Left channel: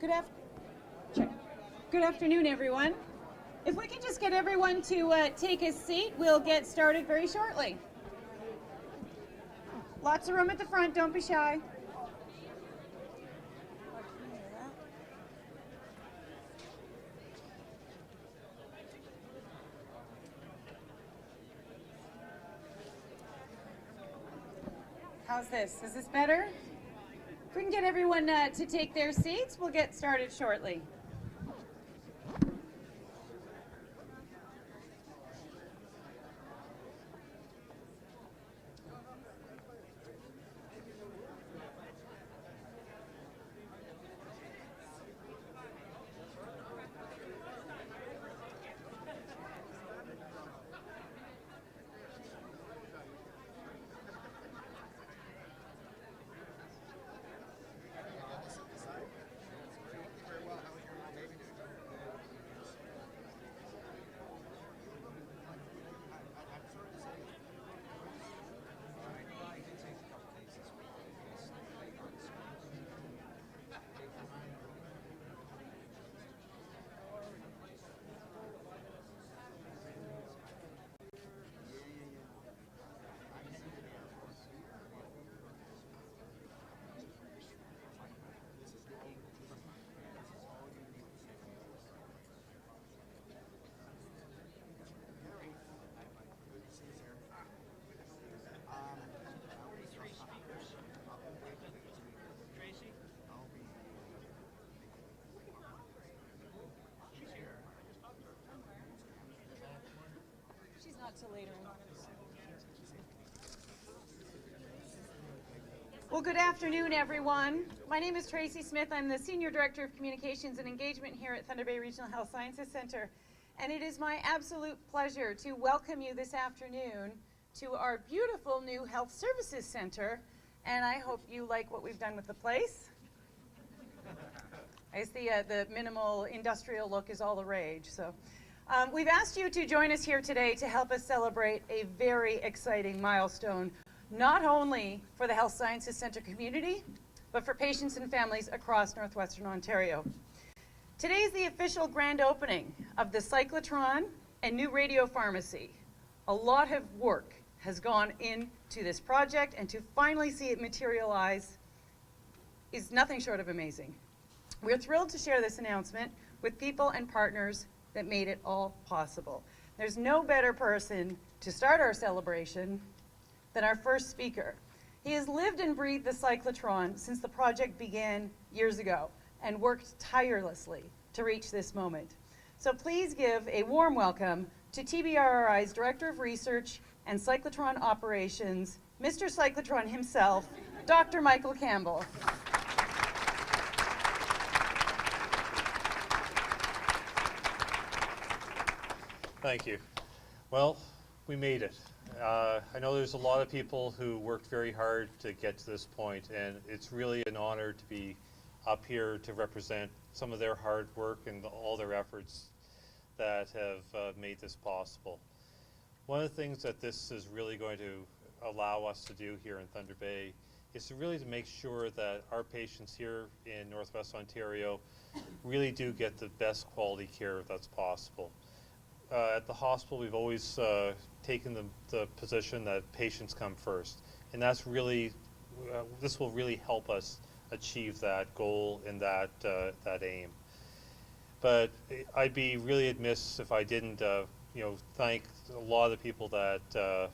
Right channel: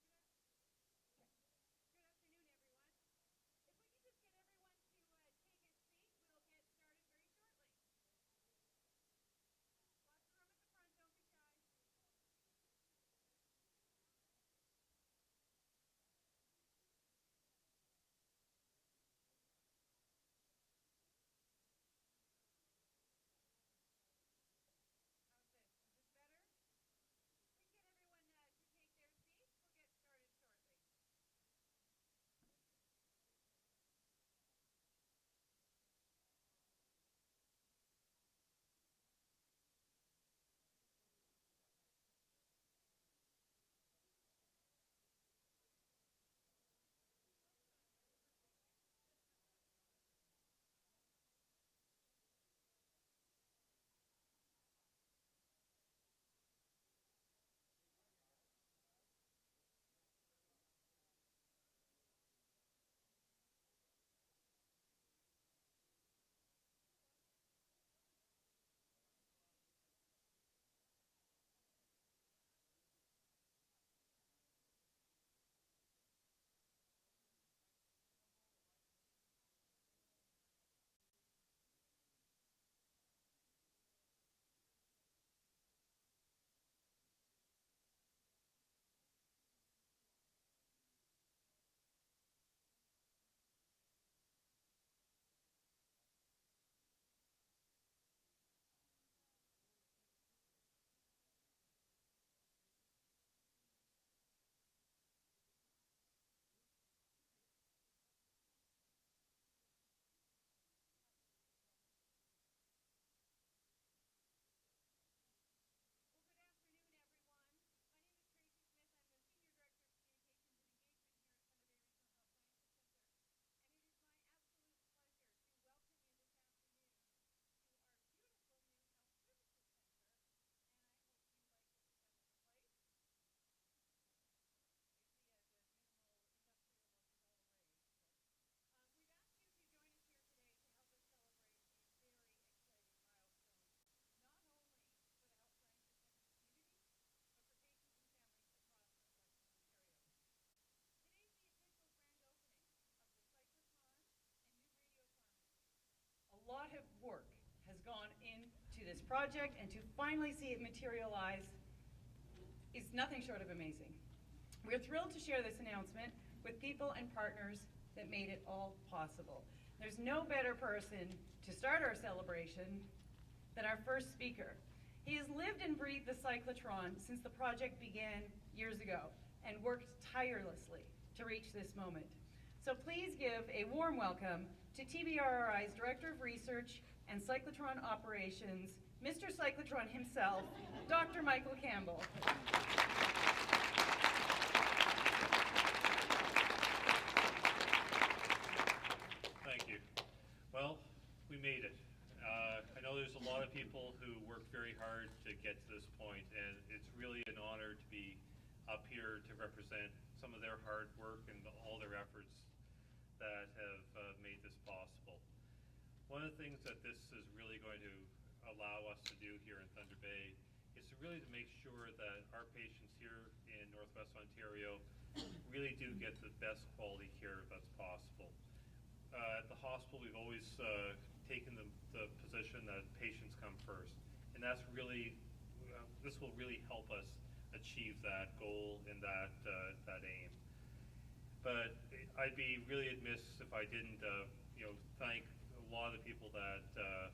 Good Good afternoon, everyone. If we can just get everyone to take a seat, we'll get started very shortly. Lots of room at the front, don't be shy. How's this? Is this better? If we can get everyone to take their seats, we'll get started shortly. She's not till later. Well, good afternoon, everyone. My name is Tracy Smith. I'm the Senior Director of Communications and Engagement here at Thunder Bay Regional Health Sciences Center. And it is my absolute pleasure to welcome you this afternoon to our beautiful new Health Services Center. And I hope you like what we've done with the place. I guess the minimal industrial look is all the rage. So we've asked you to join us here today to help us celebrate a very exciting milestone, not only for the Health Sciences Center community, but for patients and families across Northwestern Ontario. Today is the official grand opening of the Cyclotron and new radio pharmacy. A lot of work has gone into this project, and to finally see it materialize is nothing short of amazing. We're thrilled to share this announcement with people and partners that made it all possible. There's no better person to start our celebration than our first speaker. He has lived and breathed the cyclotron since the project began years ago and worked tirelessly to reach this moment. So please give a warm welcome to TBRRI's Director of Research and Cyclotron Operations, Mr. Cyclotron himself, Dr. Michael Campbell. Thank you. Well, we made it. I know there's a lot of people who worked very hard to get to this point, and it's really an honor to be up here to represent some of their hard work and all their efforts that have made this possible. One of the things that this is really going to allow us to do here in Thunder Bay is to really make sure that our patients here in Northwest Ontario really do get the best quality care that's possible. At the hospital, we've always taken the position that patients come first, and that's really, this will really help us achieve that goal and that aim. But I'd be really amiss if I didn't, thank a lot of the people that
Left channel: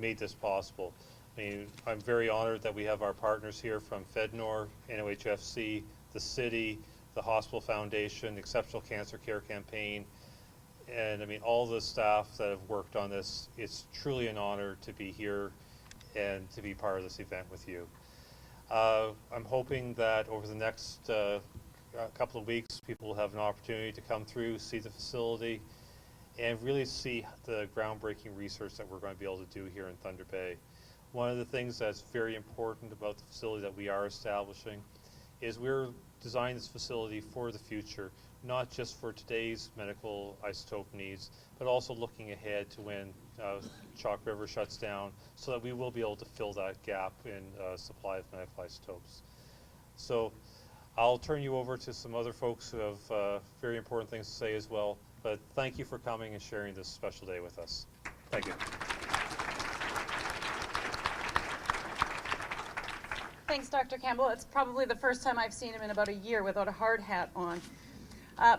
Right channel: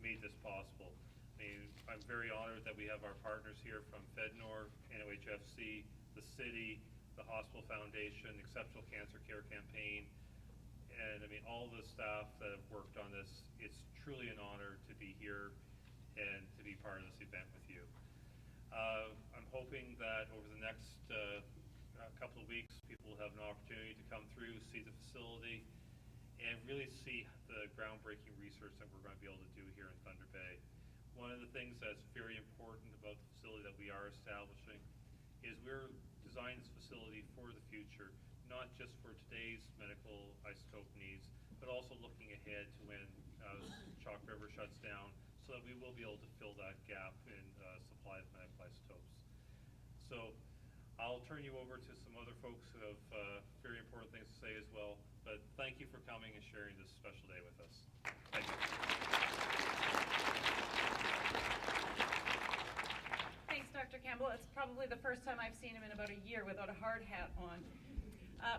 made this possible. I mean, I'm very honored that we have our partners here from FedNor, NOHFC, the city, the Hospital Foundation, Exceptional Cancer Care Campaign, and I mean all the staff that have worked on this. It's truly an honor to be here and to be part of this event with you. I'm hoping that over the next couple of weeks, people will have an opportunity to come through, see the facility, and really see the groundbreaking research that we're going to be able to do here in Thunder Bay. One of the things that's very important about the facility that we are establishing is we're designing this facility for the future, not just for today's medical isotope needs, but also looking ahead to when Chalk River shuts down, so that we will be able to fill that gap in supply of medical isotopes. So I'll turn you over to some other folks who have very important things to say as well, but thank you for coming and sharing this special day with us. Thank you. Thanks, Dr. Campbell. It's probably the first time I've seen him in about a year without a hard hat on.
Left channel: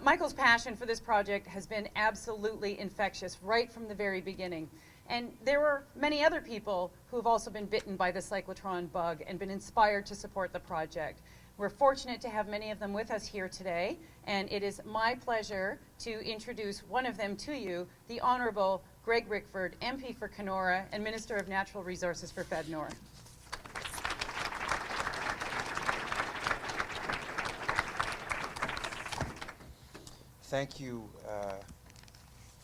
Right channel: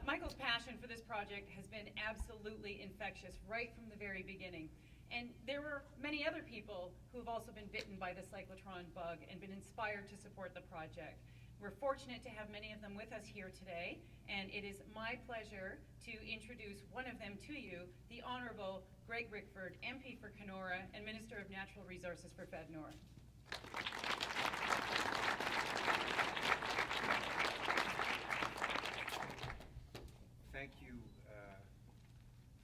Michael's passion for this project has been absolutely infectious right from the very beginning. And there were many other people who have also been bitten by the cyclotron bug and been inspired to support the project. We're fortunate to have many of them with us here today, and it is my pleasure to introduce one of them to you, the Honorable Greg Rickford, MP for Kenora and Minister of Natural Resources for Fednor. Thank you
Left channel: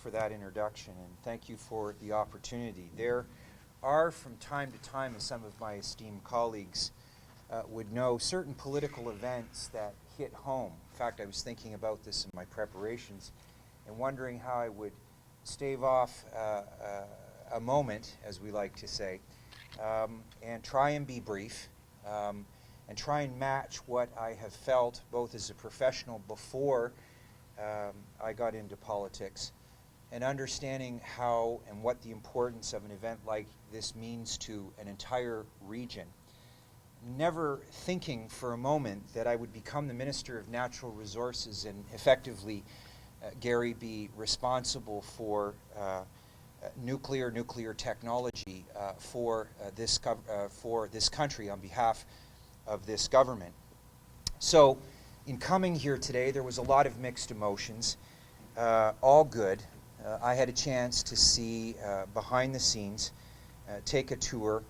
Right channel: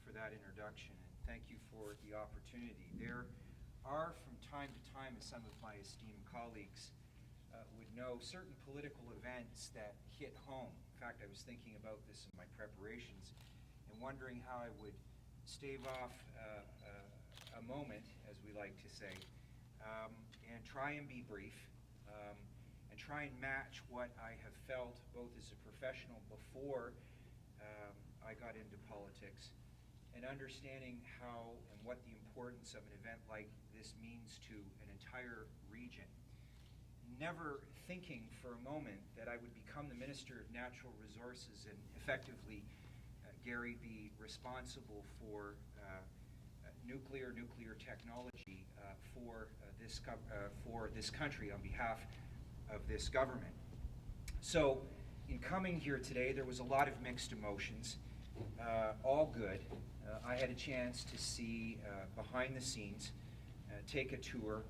for that introduction, and thank you for the opportunity. There are, from time to time, as some of my esteemed colleagues would know, certain political events that hit home. In fact, I was thinking about this in my preparations and wondering how I would stave off a moment, as we like to say, and try and be brief, and try and match what I have felt both as a professional before I got into politics, and understanding how and what the importance of an event like this means to an entire region. Never thinking for a moment that I would become the Minister of Natural Resources and effectively, Gary, be responsible for nuclear technology for this country on behalf of this government. So, in coming here today, there was a lot of mixed emotions, all good. I had a chance to see behind the scenes, take a tour,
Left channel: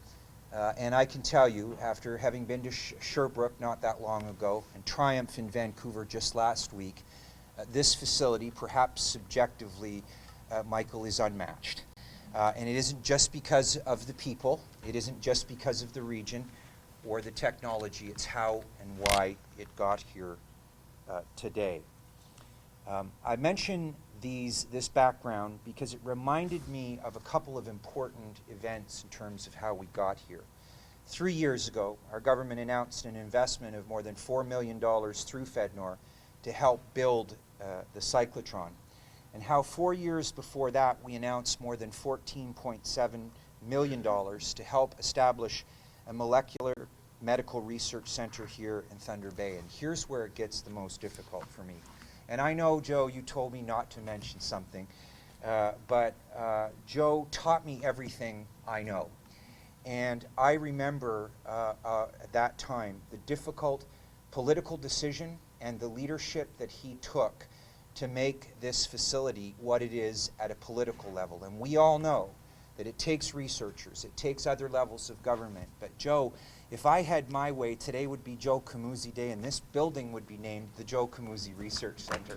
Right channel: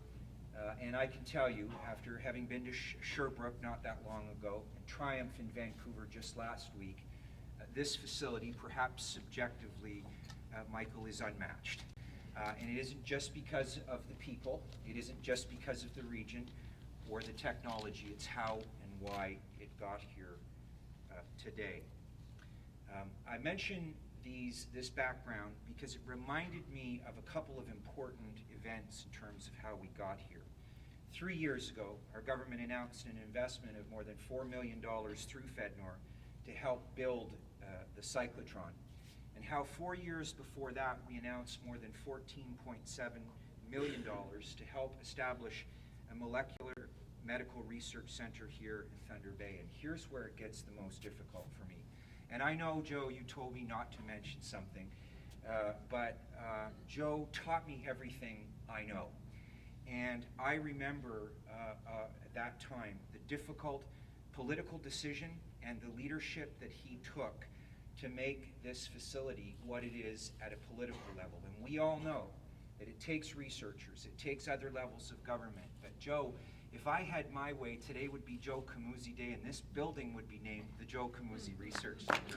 and I can tell you, after having been to Sherbrooke not that long ago, and Triumph in Vancouver just last week, this facility, perhaps subjectively, Michael, is unmatched. And it isn't just because of the people, it isn't just because of the region or the technology, it's how and why it got here today. I mention this background because it reminded me of a couple of important events in terms of how we got here. 3 years ago, our government announced an investment of more than $4 million through Fednor to help build the cyclotron, and how 4 years before that we announced more than $14.7 million to help establish a molecular medical research center here in Thunder Bay. And here's where it gets the most difficult for me. And I know, Joe, you told me not to mention something, but Joe taught me everything I know. And I remember at that time the difficult political decision and the leadership that he took to make this facility what it is at a political level. And we all know that it takes researchers, it takes other levels of government. But Joe, if I had my way, today would be Joe Camuzzi Day, and this building would be named the Joe Camuzzi Research Center.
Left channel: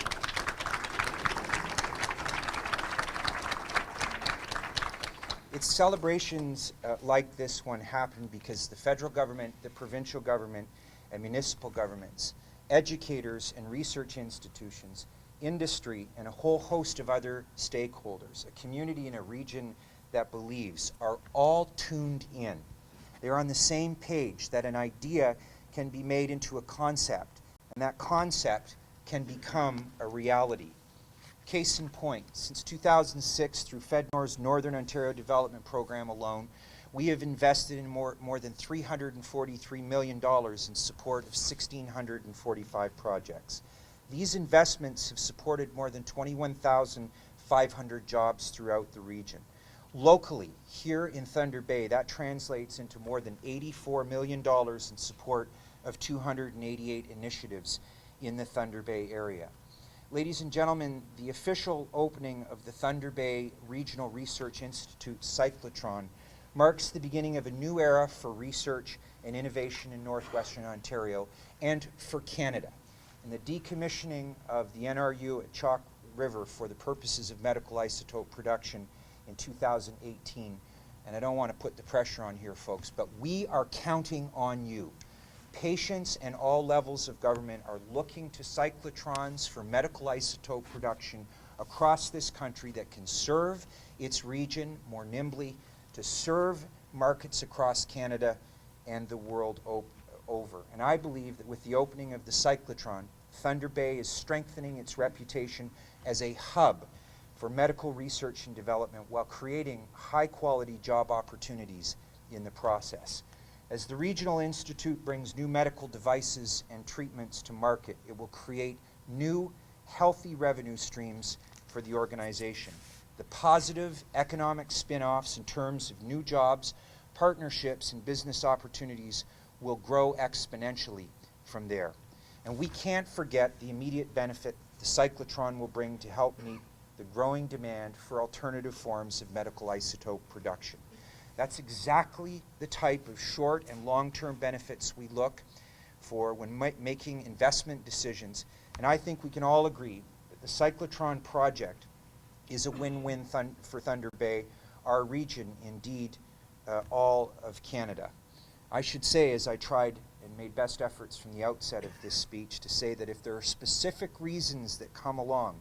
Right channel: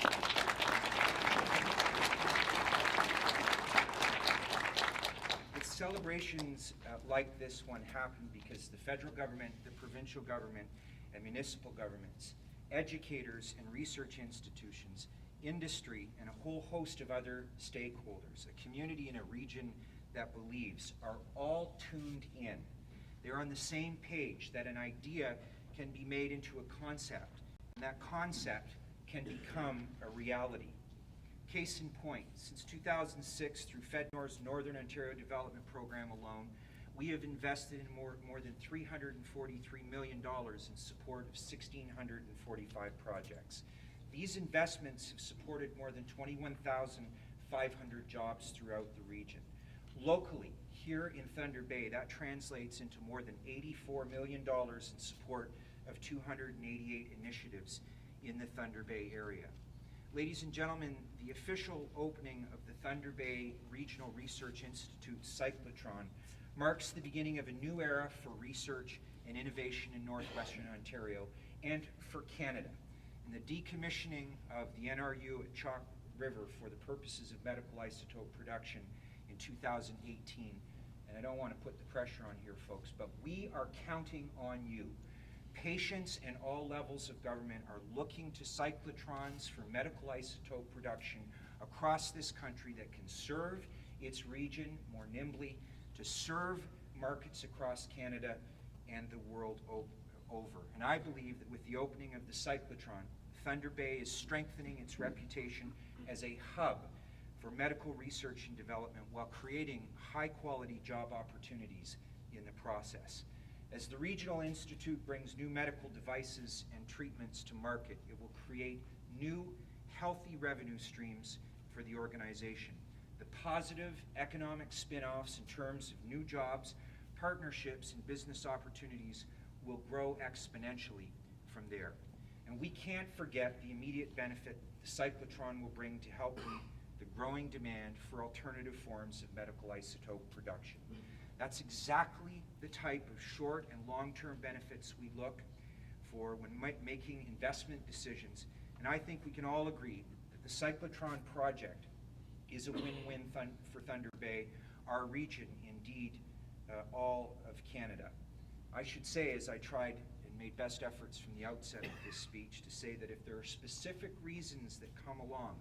It's celebrations like this one happen because the federal government, the provincial government, and municipal governments, educators and research institutions, industry, and a whole host of other stakeholders, a community in a region that believes, are all tuned in. They're on the same page that an idea can be made into a concept, and that concept can become a reality. Case in point, since 2006, through Fednor's Northern Ontario Development Program alone, we have invested in more than $343 million in support of 1,645 projects. These investments have supported more than 21,500 jobs throughout the region. Locally, here in Thunder Bay, that translates into more than $84 million in support of 288 initiatives in the Thunder Bay area. Ladies and gentlemen, the official opening of the Thunder Bay Regional Research Institute Cyclotron marks the beginning of a new era for research and innovation in northwestern Ontario and for Canada. And the decommissioning of the NRU at Chalk River for the purposes of medical isotope production in 2018, and I don't want to put the pressure on here, folks, but we are counting on you. Patients and all levels of government are looking to cyclotrons for medical isotope production across this country that can serve its region more nimbly, to serve markets across Canada and the world over. And I believe that with the opening of the cyclotron, Thunder Bay is strengthening its reputation as a hub for medical research and development while creating high-quality job opportunities in the process. As the Regional Institute brings new medical devices and treatments to market, it will create new, healthy revenue streams for the organization. The positive economic spin-offs in terms of new jobs, partnerships, and business opportunities will grow exponentially from there. And we can't forget the immediate benefit the cyclotron will bring to help meet the growing demand for alternative forms of medical isotope production. That's exactly the type of short and long-term benefits we look for when making investment decisions. And I think we can all agree that the cyclotron project is a win-win for Thunder Bay, our region, indeed all of Canada. I should say, as I tried and made best efforts from the outset of this speech, to say that if there are specific reasons that come along,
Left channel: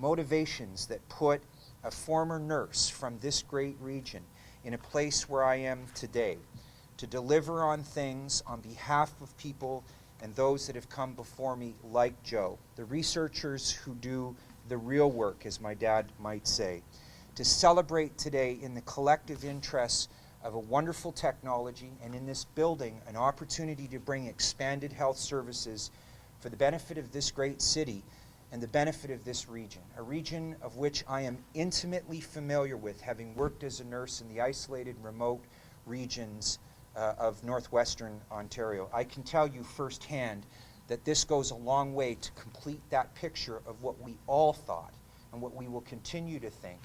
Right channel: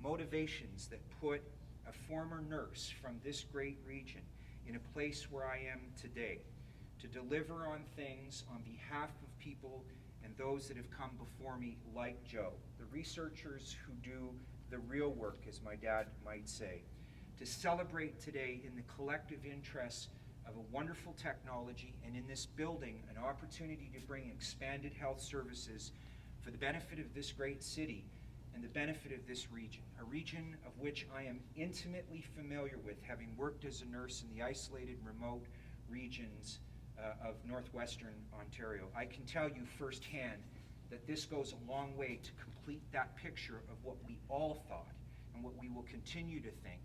motivations that put a former nurse from this great region in a place where I am today, to deliver on things on behalf of people and those that have come before me like Joe, the researchers who do the real work, as my dad might say, to celebrate today in the collective interests of a wonderful technology and in this building an opportunity to bring expanded health services for the benefit of this great city and the benefit of this region, a region of which I am intimately familiar with, having worked as a nurse in the isolated, remote regions of northwestern Ontario. I can tell you firsthand that this goes a long way to complete that picture of what we all thought and what we will continue to think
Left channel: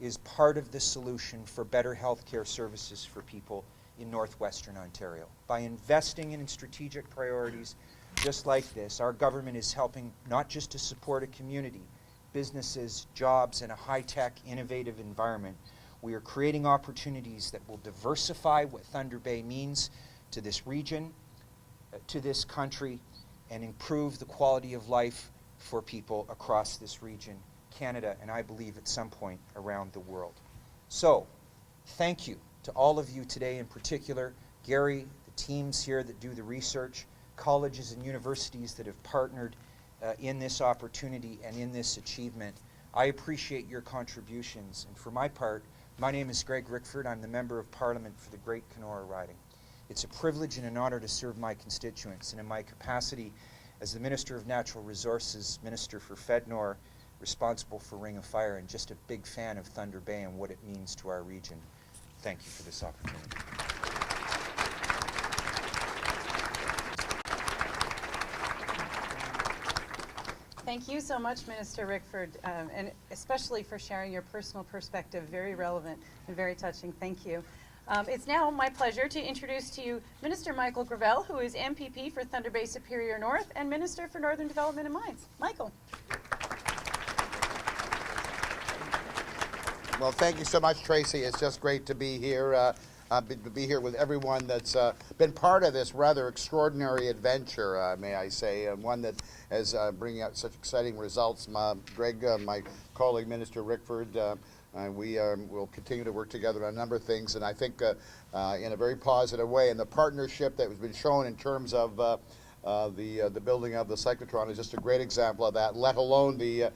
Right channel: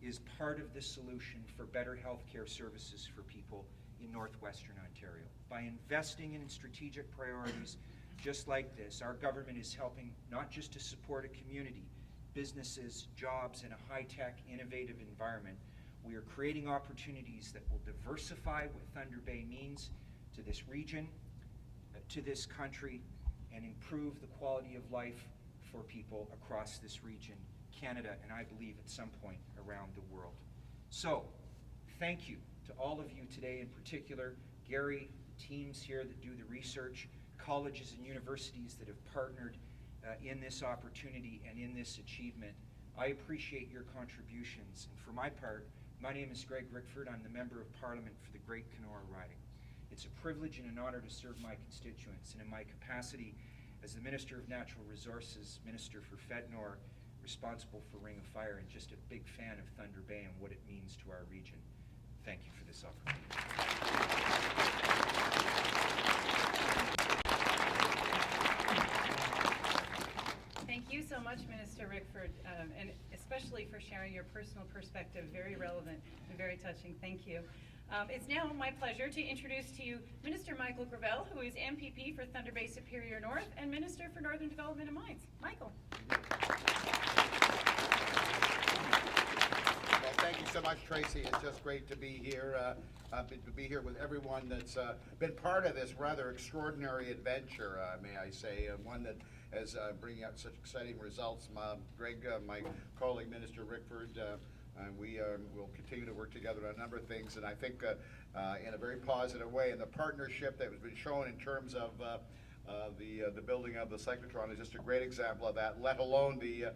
is part of the solution for better healthcare services for people in northwestern Ontario. By investing in strategic priorities just like this, our government is helping not just to support a community, businesses, jobs, and a high-tech, innovative environment. We are creating opportunities that will diversify what Thunder Bay means to this region, to this country, and improve the quality of life for people across this region, Canada, and I believe at some point around the world. So, thank you to all of you today, in particular, Gary, the teams here that do the research, colleges and universities that have partnered in this opportunity and in this achievement. I appreciate your contributions, and for my part, my name is Greg Rickford. I'm the Member of Parliament for the Great Kenora riding. It's a privilege and an honor to serve my constituents, and in my capacity as the Minister of Natural Resources, Minister for Fednor, responsible for Ring of Fire, and just a big fan of Thunder Bay and what it means to our region. Thank you for this opportunity. Thank you so much, Minister Rickford, and especially for sharing your personal perspective. Very relevant and very touching. Thank you. It's now my pleasure to introduce to you Minister Michael Gravel, who is MPP for Thunder Bay Superior North and Minister for Northern Development and Mines. Michael. Well, thank you so much, Tracy. It's just great to be here. Be here with everyone that's been part of this rather extraordinary adventure, may I say, and one that is bringing out such exciting results. Greg, my colleague, Minister Rickford, we will continue to work together on a number of things, and I think in a very positive way. And the partnership that has been shown in terms of the building of the cyclotron is just a great example of that, let alone the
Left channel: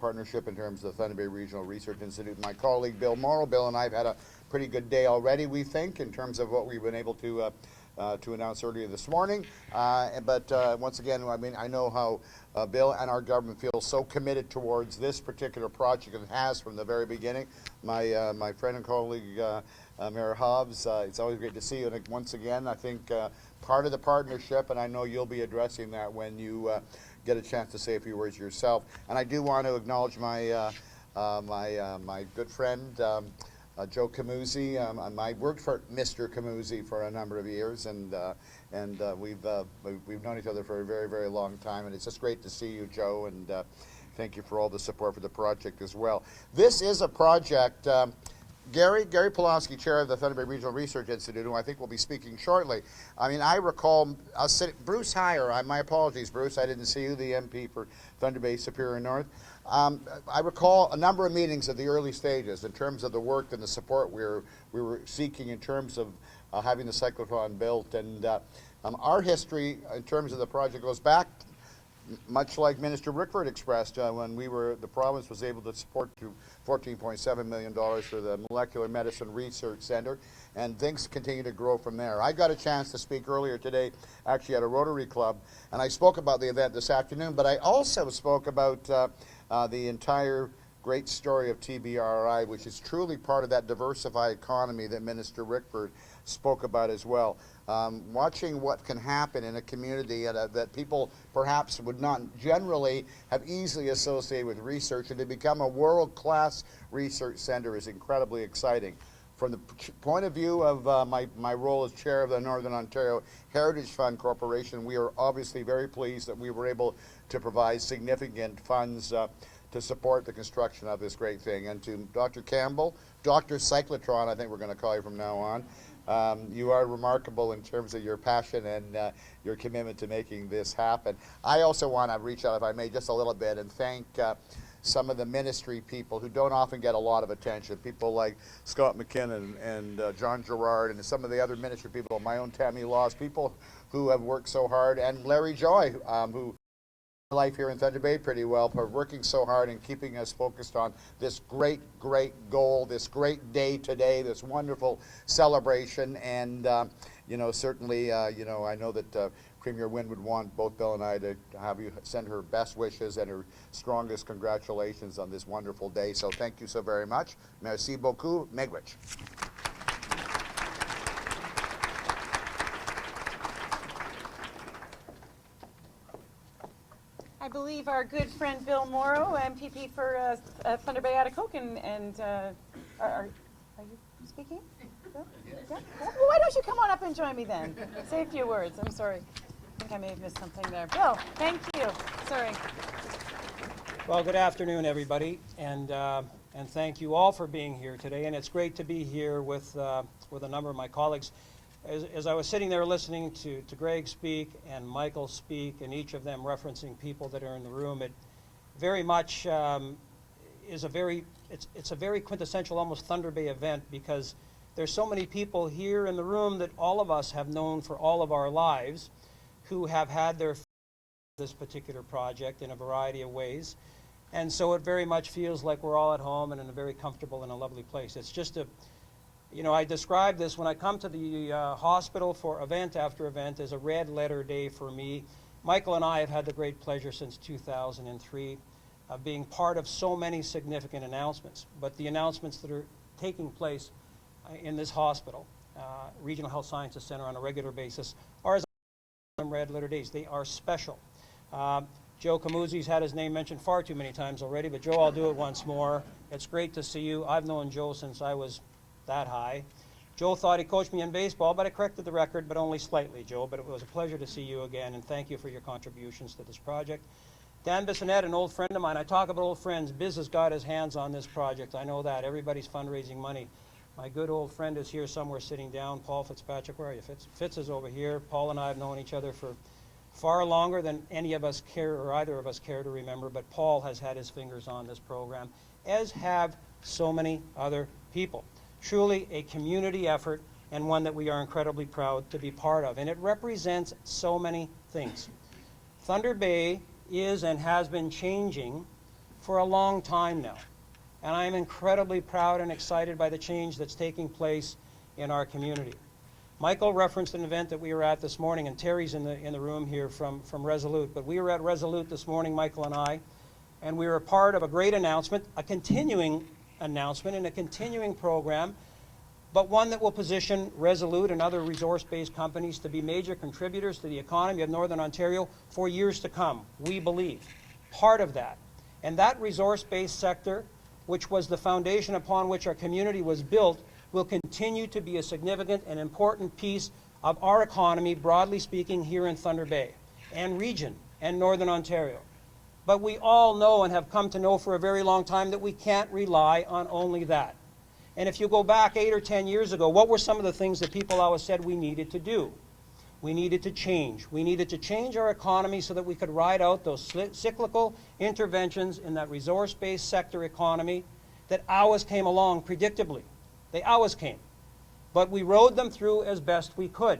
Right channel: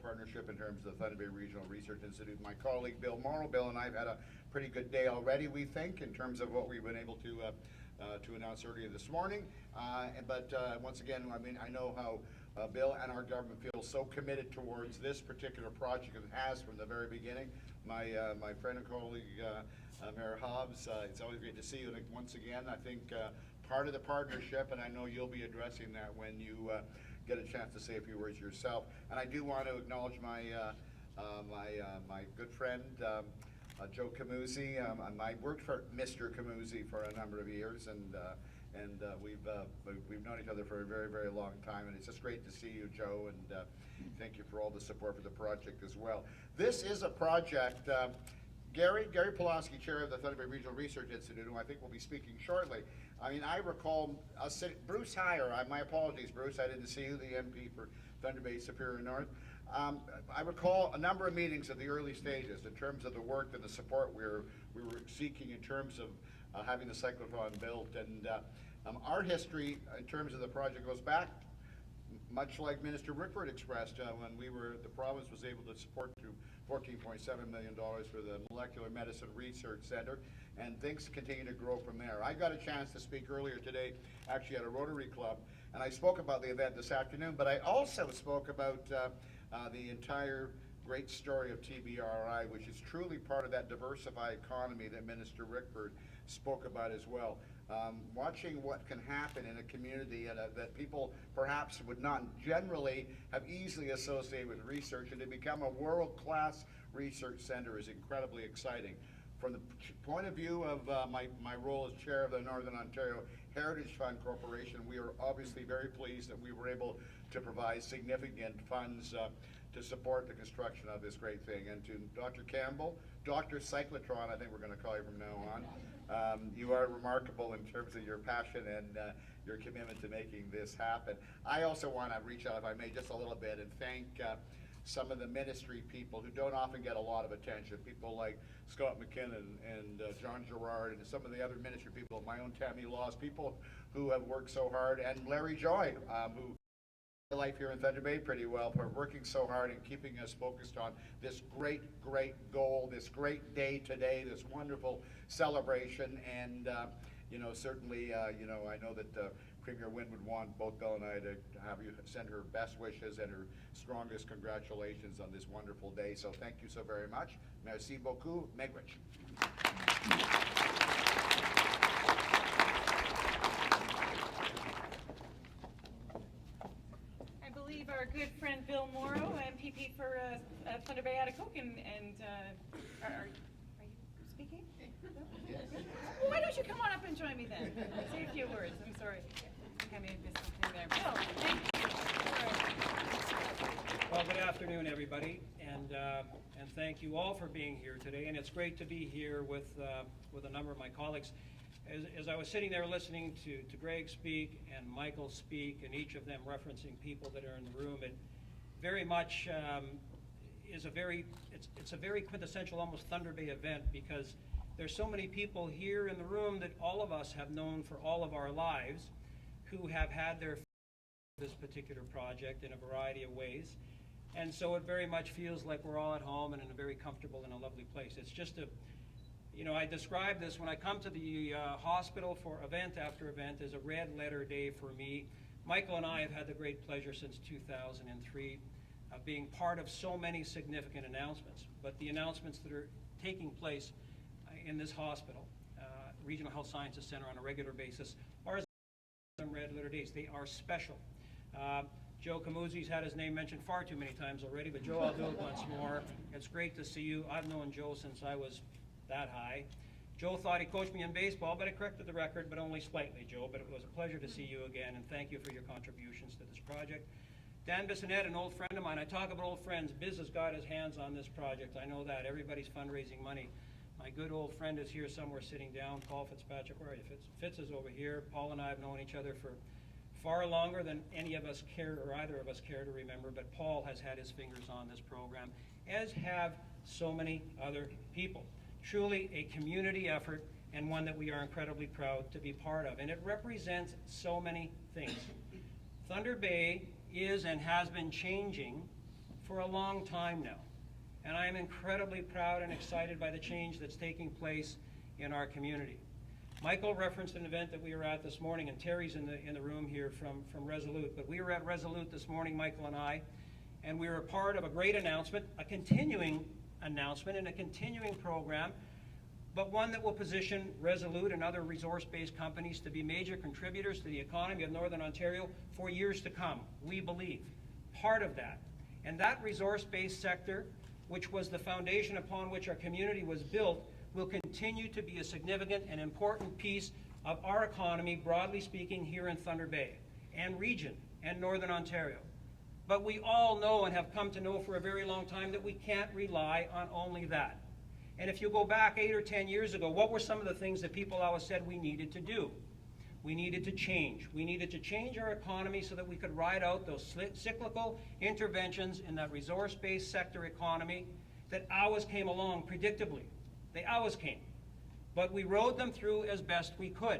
partnership in terms of the Thunder Bay Regional Research Institute. My colleague Bill Morrow, Bill and I have had a pretty good day already, we think, in terms of what we've been able to announce earlier this morning. But once again, I mean, I know how Bill and our government feel so committed towards this particular project and has from the very beginning. My friend and colleague, Mayor Hobbs, it's always great to see you. And once again, I think part of the partnership, and I know you'll be addressing that when you get a chance to say a few words yourself. And I do want to acknowledge my my good friend, Joe Camuzzi. I worked for Mr. Camuzzi for a number of years, and we've known each other for a very, very long time, and it's just great to see you, Joe, and thank you for all the support for the project as well. This is a project, Gary Pulaski, chair of the Thunder Bay Regional Research Institute, who I think will be speaking shortly. I mean, I recall us sitting, Bruce Heyer, my apologies, Bruce, I didn't see you, the MP for Thunder Bay Superior North. I recall a number of meetings at the early stages in terms of the work and the support we were seeking in terms of having the cyclotron built, and Our history in terms of the project goes back much like Minister Rickford expressed when the province was able to support to $14.7 million for the Molecular Medicine Research Center, and things continue to grow from there. I got a chance to speak earlier today, actually at a Rotary Club, and I spoke about the event this afternoon, but I also spoke about the entire great story of TBRI, which is truly part of that diversified economy that Minister Rickford spoke about as well. Watching what can happen in a community that people perhaps would not generally have easily associated with research, and to become a world-class research center is incredibly exciting. From the point of view of my role as chair of the Northern Ontario Heritage Fund Corporation, we are obviously very pleased that we were able to provide significant funds to support the construction of this great thing. And to Dr. Campbell, Dr. Cyclotron, I think we're going to call you from now on, you are remarkable in terms of your passion and your commitment to making this happen. I also want to reach out, if I may, just a little bit and thank some of the ministry people who don't often get a lot of attention, people like Scott McKinnon and John Gerard and some of the other ministry people, my own Tammy Laws, people who have worked so hard, and Larry Joy, who life here in Thunder Bay pretty well for working so hard and keeping us focused on this great goal, this great day today, this wonderful celebration. And you know, certainly you know, I know that Premier Wynne would want both Bill and I to have you send her best wishes and her strongest congratulations on this wonderful day. So thank you so very much. Merci beaucoup. Miigwech. I believe our good friend Bill Morrow, MPP for Thunder Bay Atikokan, and are you speaking? Bill? Yeah? Well, why don't you come on up and join me then? Say a few words. I'm sorry. I think I may have missed something there. Bill, thank you. Sorry. Well, good afternoon, everybody, and thank you all for being here today. And it's great to be here with a number of my colleagues. As I was sitting there listening to Greg speak and Michael speak, and each of them referencing people that are in the room, it very much is it's a very quintessential, almost Thunder Bay event, because there's so many people here in the room that all of us have known for all of our lives, who have had their this particular project in a variety of ways. And so it very much feels like we're all at home and in a very comfortable and a lovely place. It's just you know, I describe this when I come to the hospital for event after event as a red letter day for me. Michael and I have had the great pleasure since 2003 of being part of so many significant announcements. But the announcements that are taking place in this hospital, Regional Health Sciences Center, on a regular basis, are as red letter days. They are special. Joe Camuzzi's had his name mentioned far too many times already, but Joe, I'll do it once more. It's great to see you. I've known Joe since I was that high. Joe thought he coached me in baseball, but I corrected the record, but only slightly, Joe. But it was a pleasure to see you again, and thank you for your contributions to this project. Dan Bissonette, an old friend of mine. I talk about old friends. Biz has got his hands on this project. I know that. Everybody's fundraising money. My good old friend is here somewhere sitting down. Paul Fitzpatrick, where are you? Fitz is over here. Paul and I have known each other for far longer than any of us care, or either of us care to remember, but Paul has had his fingers on this program, as have so many other people. Truly a community effort, and one that we are incredibly proud to be part of. And it represents so many things. Thunder Bay is and has been changing for a long time now. And I am incredibly proud and excited by the change that's taking place in our community. Michael referenced an event that we were at this morning, and Terry's in the room here from Resolute. But we were at Resolute this morning, Michael and I, and we were part of a great announcement, a continuing announcement and a continuing program, but one that will position Resolute and other resource-based companies to be major contributors to the economy of Northern Ontario for years to come, we believe. Part of that. And that resource-based sector, which was the foundation upon which our community was built, will continue to be a significant and important piece of our economy, broadly speaking, here in Thunder Bay and region and Northern Ontario. But we all know and have come to know for a very long time that we can't rely on only that. And if you go back 8 or 10 years ago, what were some of the things that people always said we needed to do? We needed to change. We needed to change our economy so that we could ride out those cyclical interventions in that resource-based sector economy that always came along predictably. They always came. But we rode them through as best we could.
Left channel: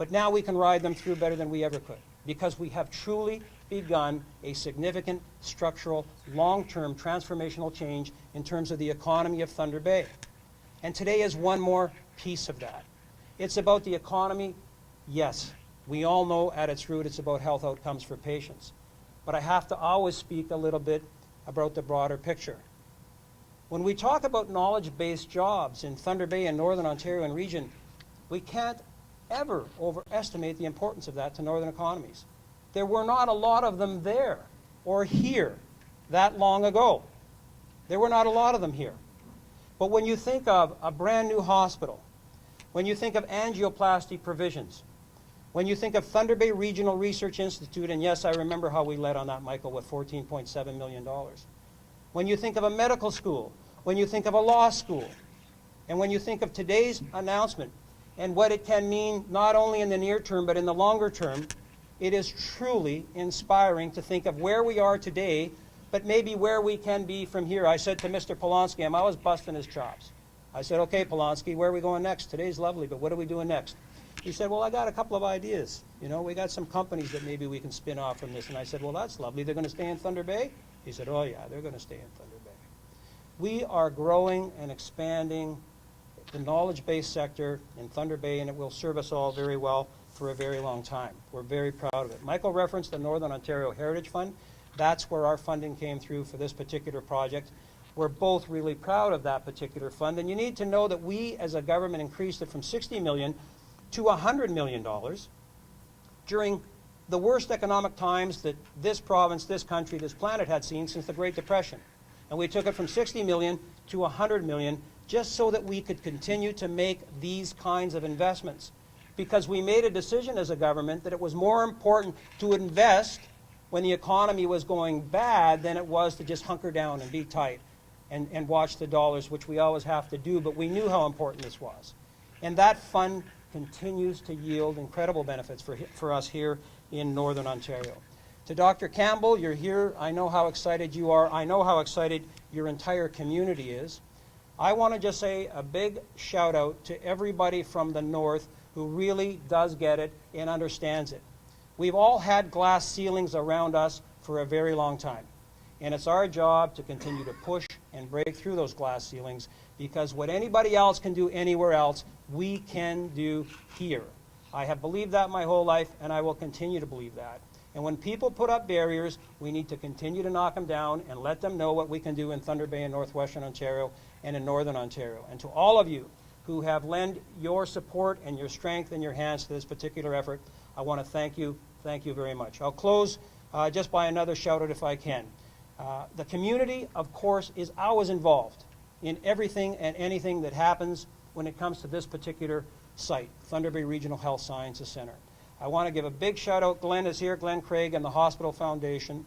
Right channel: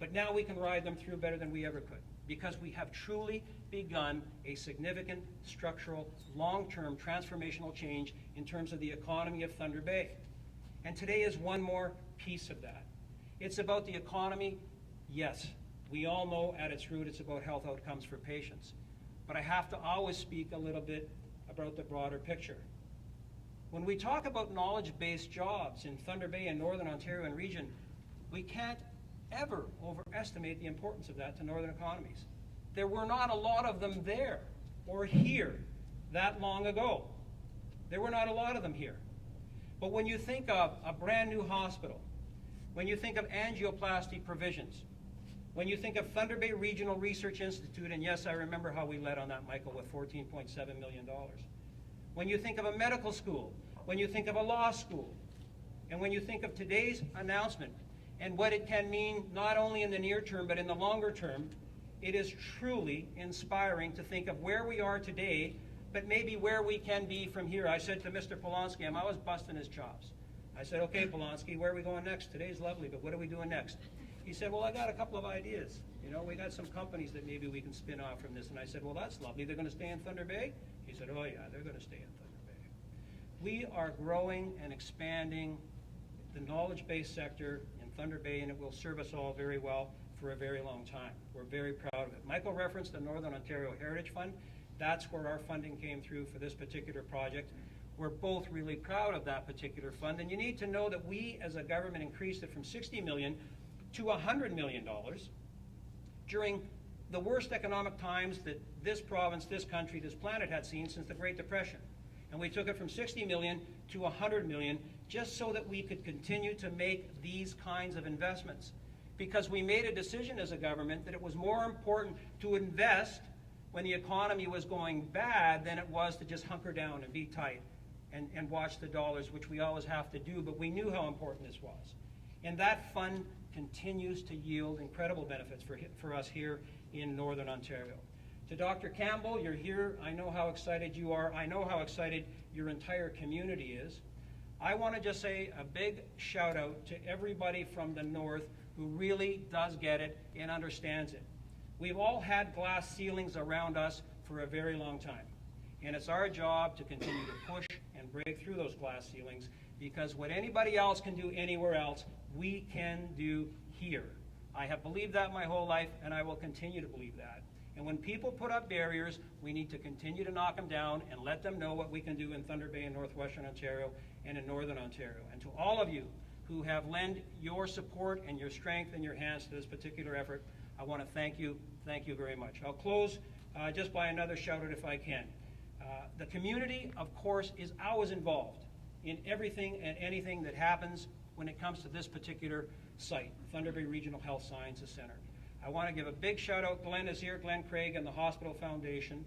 But now we can ride them through better than we ever could, because we have truly begun a significant structural, long-term transformational change in terms of the economy of Thunder Bay. And today is one more piece of that. It's about the economy. Yes, we all know at its root it's about health outcomes for patients. But I have to always speak a little bit about the broader picture. When we talk about knowledge-based jobs in Thunder Bay and Northern Ontario and region, we can't ever overestimate the importance of that to northern economies. There were not a lot of them there or here that long ago. There were not a lot of them here. But when you think of a brand new hospital, when you think of angioplasty provisions, when you think of Thunder Bay Regional Research Institute, and yes, I remember how we led on that, Michael, with $14.7 million. When you think of a medical school, when you think of a law school, and when you think of today's announcement and what it can mean not only in the near term but in the longer term, it is truly inspiring to think of where we are today, but maybe where we can be from here. I said to Mr. Polonsky, I was busting his chops. I said, okay, Polonsky, where are we going next? Today's lovely, but what are we doing next? He said, well, I got a couple of ideas. You know, we got some companies that maybe we can spin off from this. And I said, well, that's lovely. They're going to stay in Thunder Bay? He said, oh, yeah, they're going to stay in Thunder Bay. We are growing and expanding the knowledge-based sector in Thunder Bay, and it will serve us all very well for a very long time. We're very proud of it. Michael referenced the Northern Ontario Heritage Fund. That's where our funding came through for this particular project. We're both really proud of that particular fund, and you need to know that we as a government increased it from $60 million to $100 million during the worst economic times that this province, this country, this planet had seen since the Great Depression. And we took it from $60 million to $100 million just so that we could continue to make these kinds of investments. Because we made a decision as a government that it was more important to invest when the economy was going bad than it was to just hunker down and be tight and watch the dollars, which we always have to do, but we knew how important this was. And that fund continues to yield incredible benefits for us here in Northern Ontario. To Dr. Campbell, you're here. I know how excited you are. I know how excited your entire community is. I want to just say a big shout out to everybody from the north who really does get it and understands it. We've all had glass ceilings around us for a very long time. And it's our job to continue to push and break through those glass ceilings, because what anybody else can do anywhere else, we can do here. I have believed that my whole life, and I will continue to believe that. And when people put up barriers, we need to continue to knock them down and let them know what we can do in Thunder Bay and Northwestern Ontario and in Northern Ontario. And to all of you who have lent your support and your strength and your hands to this particular effort, I want to thank you. Thank you very much. I'll close just by another shout out if I can. The community, of course, is always involved in everything and anything that happens when it comes to this particular site, Thunder Bay Regional Health Sciences Center. I want to give a big shout out. Glenn is here, Glenn Craig and the Hospital Foundation.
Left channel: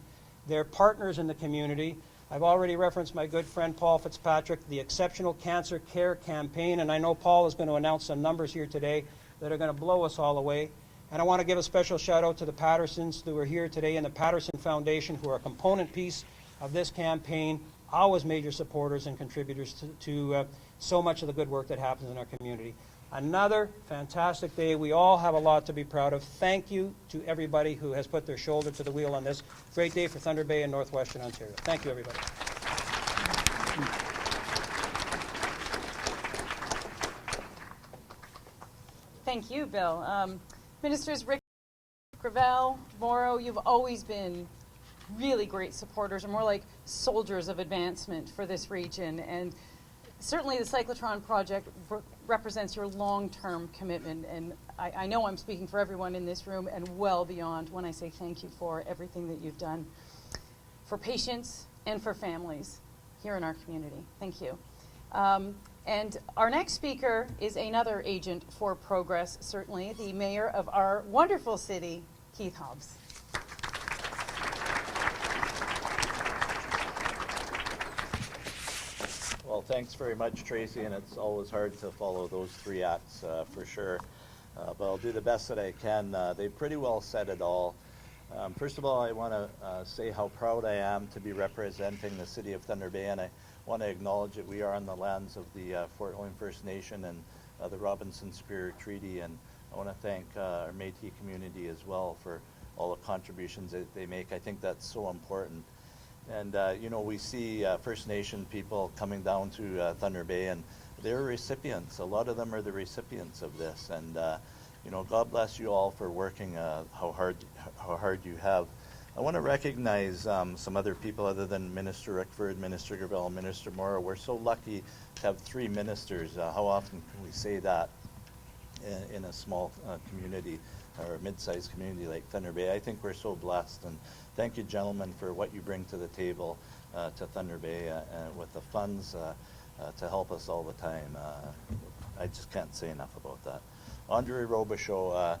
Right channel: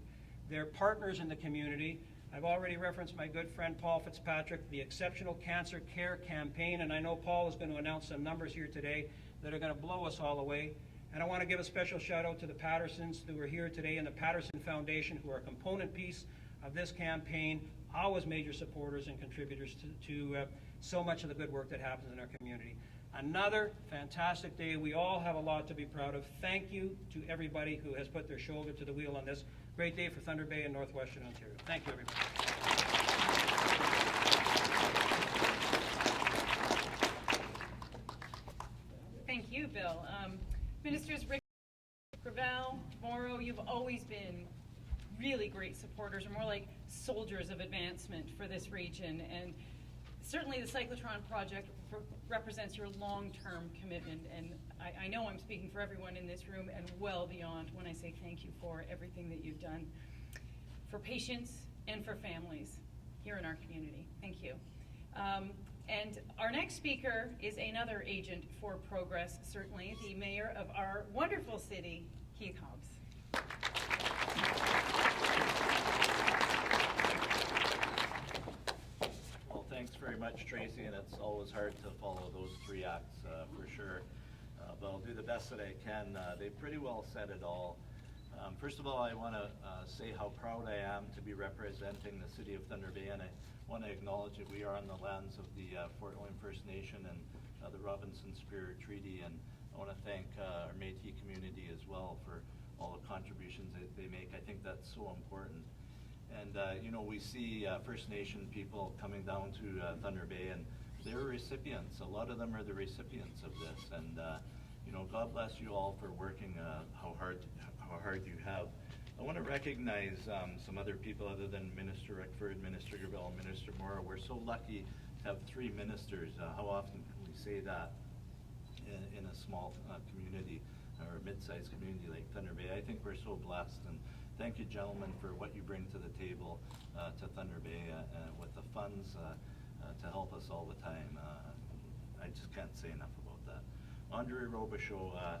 They're partners in the community. I've already referenced my good friend Paul Fitzpatrick, the Exceptional Cancer Care Campaign, and I know Paul is going to announce some numbers here today that are going to blow us all away. And I want to give a special shout out to the Pattersons who are here today and the Patterson Foundation, who are a component piece of this campaign, always major supporters and contributors to so much of the good work that happens in our community. Another fantastic day. We all have a lot to be proud of. Thank you to everybody who has put their shoulder to the wheel on this. Great day for Thunder Bay and Northwestern Ontario. Thank you, everybody. Thank you, Bill. Ministers Rick, Gravel, Morrow, you've always been really great supporters, or more like soldiers of advancement for this region. And certainly the Cyclotron project represents your long-term commitment, and I know I'm speaking for everyone in this room and well beyond when I say thank you for everything that you've done for patients and for families here in our community. Thank you. And our next speaker is another agent for progress, certainly, the mayor of our wonderful city, Keith Hobbs. Well, thanks very much, Tracy, and it's always hard to follow those three acts for sure, but I'll do the best that I can. They pretty well said it all. First of all, I want to say how proud I am to be representing the city of Thunder Bay, and I want to acknowledge that we are on the lands of the Fort William First Nation and the Robinson Spirit Treaty, and I want to thank our Métis community as well for all the contributions that they make. I think that's so important. And you know, we see First Nation people coming down to Thunder Bay, and they're recipients. A lot of them are the recipients of this. And you know, God bless you all for working how hard you have. I want to recognize some other people other than Minister Rickford, Minister Gravel, Minister Morrow. We're so lucky to have 3 ministers. How often can we say that in a small community or a mid-sized community like Thunder Bay? I think we're so blessed, and thank you, gentlemen, for what you bring to the table to Thunder Bay with the funds to help us all the time. I just can't say enough about that. Andre Robichaud,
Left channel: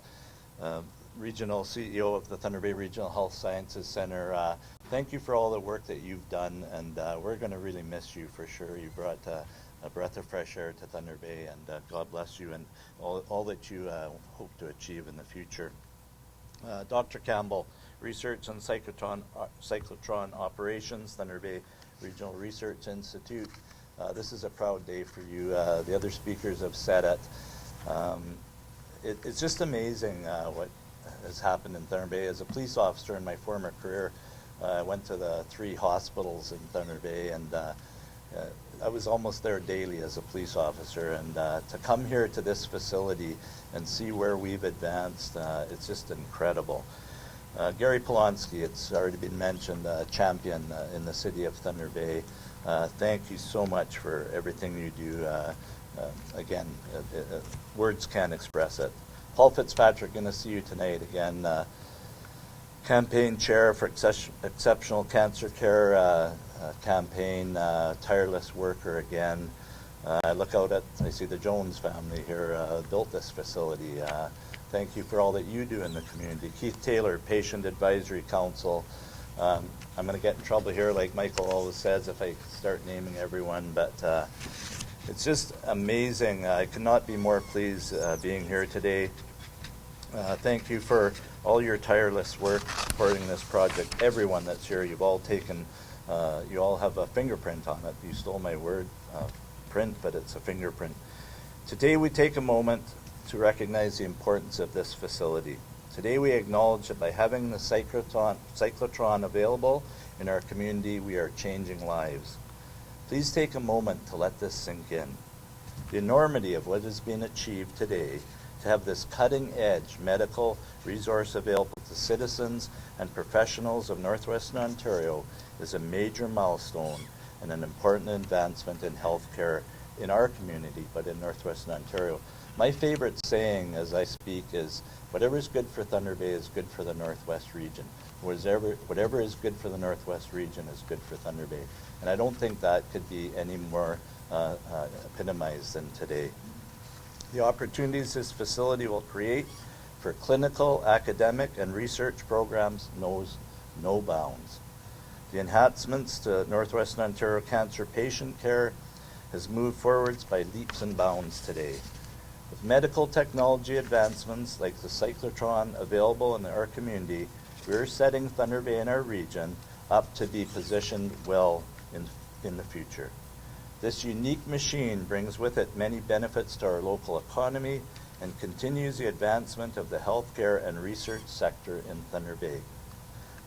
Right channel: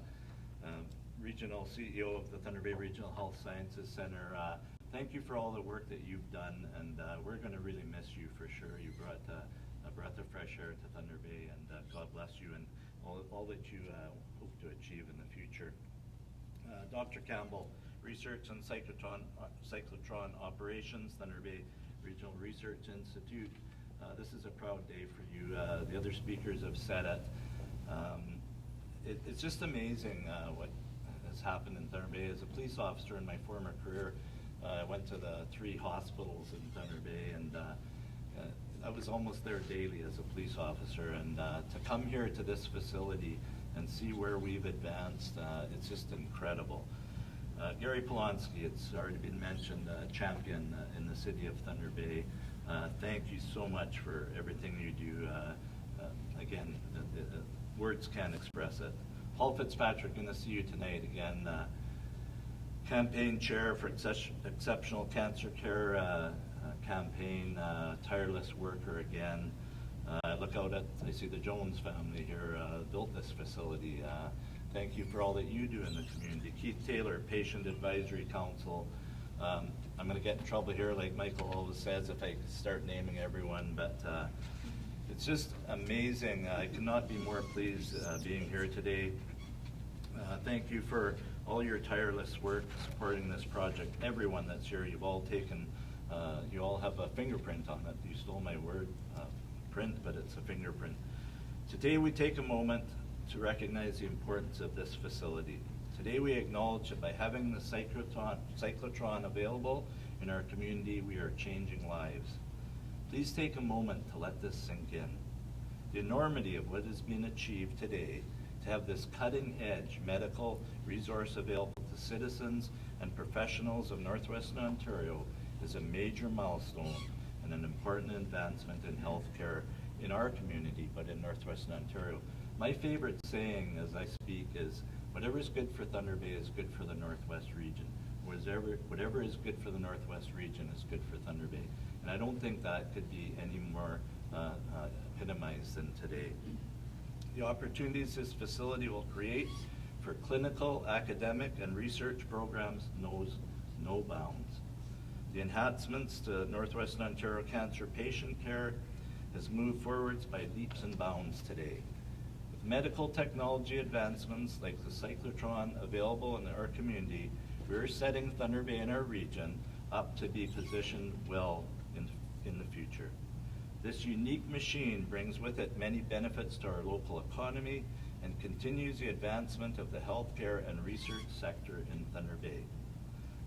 Regional CEO of the Thunder Bay Regional Health Sciences Center, thank you for all the work that you've done, and we're going to really miss you for sure. You brought a breath of fresh air to Thunder Bay, and God bless you and all that you hope to achieve in the future. Dr. Campbell, Research on Cyclotron Operations, Thunder Bay Regional Research Institute. This is a proud day for you. The other speakers have said it. It's just amazing what has happened in Thunder Bay. As a police officer in my former career, I went to the 3 hospitals in Thunder Bay, and I was almost there daily as a police officer. And to come here to this facility and see where we've advanced, it's just incredible. Gary Polonsky, it's already been mentioned, champion in the city of Thunder Bay. Thank you so much for everything you do. Again, words can't express it. Paul Fitzpatrick, going to see you tonight again. Campaign chair for exceptional cancer care campaign, tireless worker again. I look out I see the Jones family here, built this facility. Thank you for all that you do in the community. Keith Taylor, Patient Advisory Council. I'm going to get in trouble here, like Michael always says, if I start naming everyone, but it's just amazing. I could not be more pleased being here today. Thank you for all your tireless work supporting this project. Everyone that's here, you've all taken, you all have a fingerprint on it. You stole my word, print, but it's a fingerprint. Today we take a moment to recognize the importance of this facility. Today we acknowledge that by having the cyclotron available in our community, we are changing lives. Please take a moment to let this sink in. The enormity of what has been achieved today to have this cutting-edge medical resource available to citizens and professionals of Northwestern Ontario is a major milestone and an important advancement in healthcare in our community, but in Northwestern Ontario. My favorite saying as I speak is, whatever is good for Thunder Bay is good for the Northwest region. Whatever is good for the Northwest region is good for Thunder Bay. And I don't think that could be any more epitomized than today. The opportunities this facility will create for clinical, academic, and research programs knows no bounds. The enhancements to Northwestern Ontario cancer patient care has moved forwards by leaps and bounds today. With medical technology advancements like the cyclotron available in our community, we are setting Thunder Bay and our region up to be positioned well in the future. This unique machine brings with it many benefits to our local economy and continues the advancement of the healthcare and research sector in Thunder Bay.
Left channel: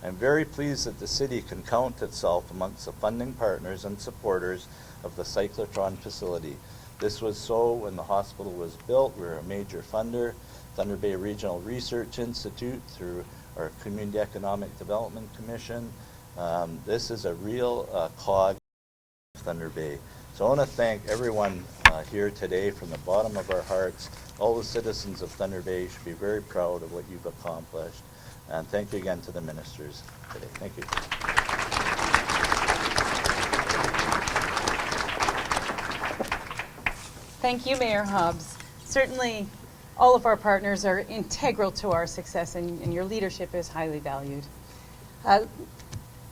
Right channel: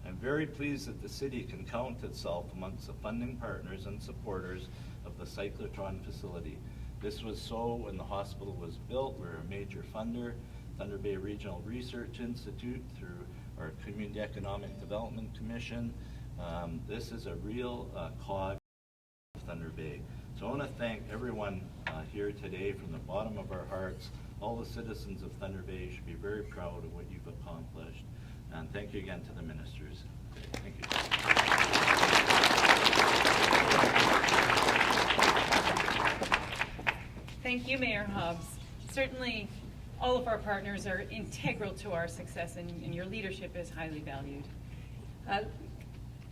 I'm very pleased that the city can count itself amongst the funding partners and supporters of the cyclotron facility. This was so when the hospital was built. We were a major funder. Thunder Bay Regional Research Institute through our Community Economic Development Commission. This is a real cog of Thunder Bay. So I want to thank everyone here today from the bottom of our hearts. All the citizens of Thunder Bay should be very proud of what you've accomplished. And thank you again to the ministers today. Thank you. Thank you, Mayor Hobbs. Certainly, all of our partners are integral to our success, and your leadership is highly valued.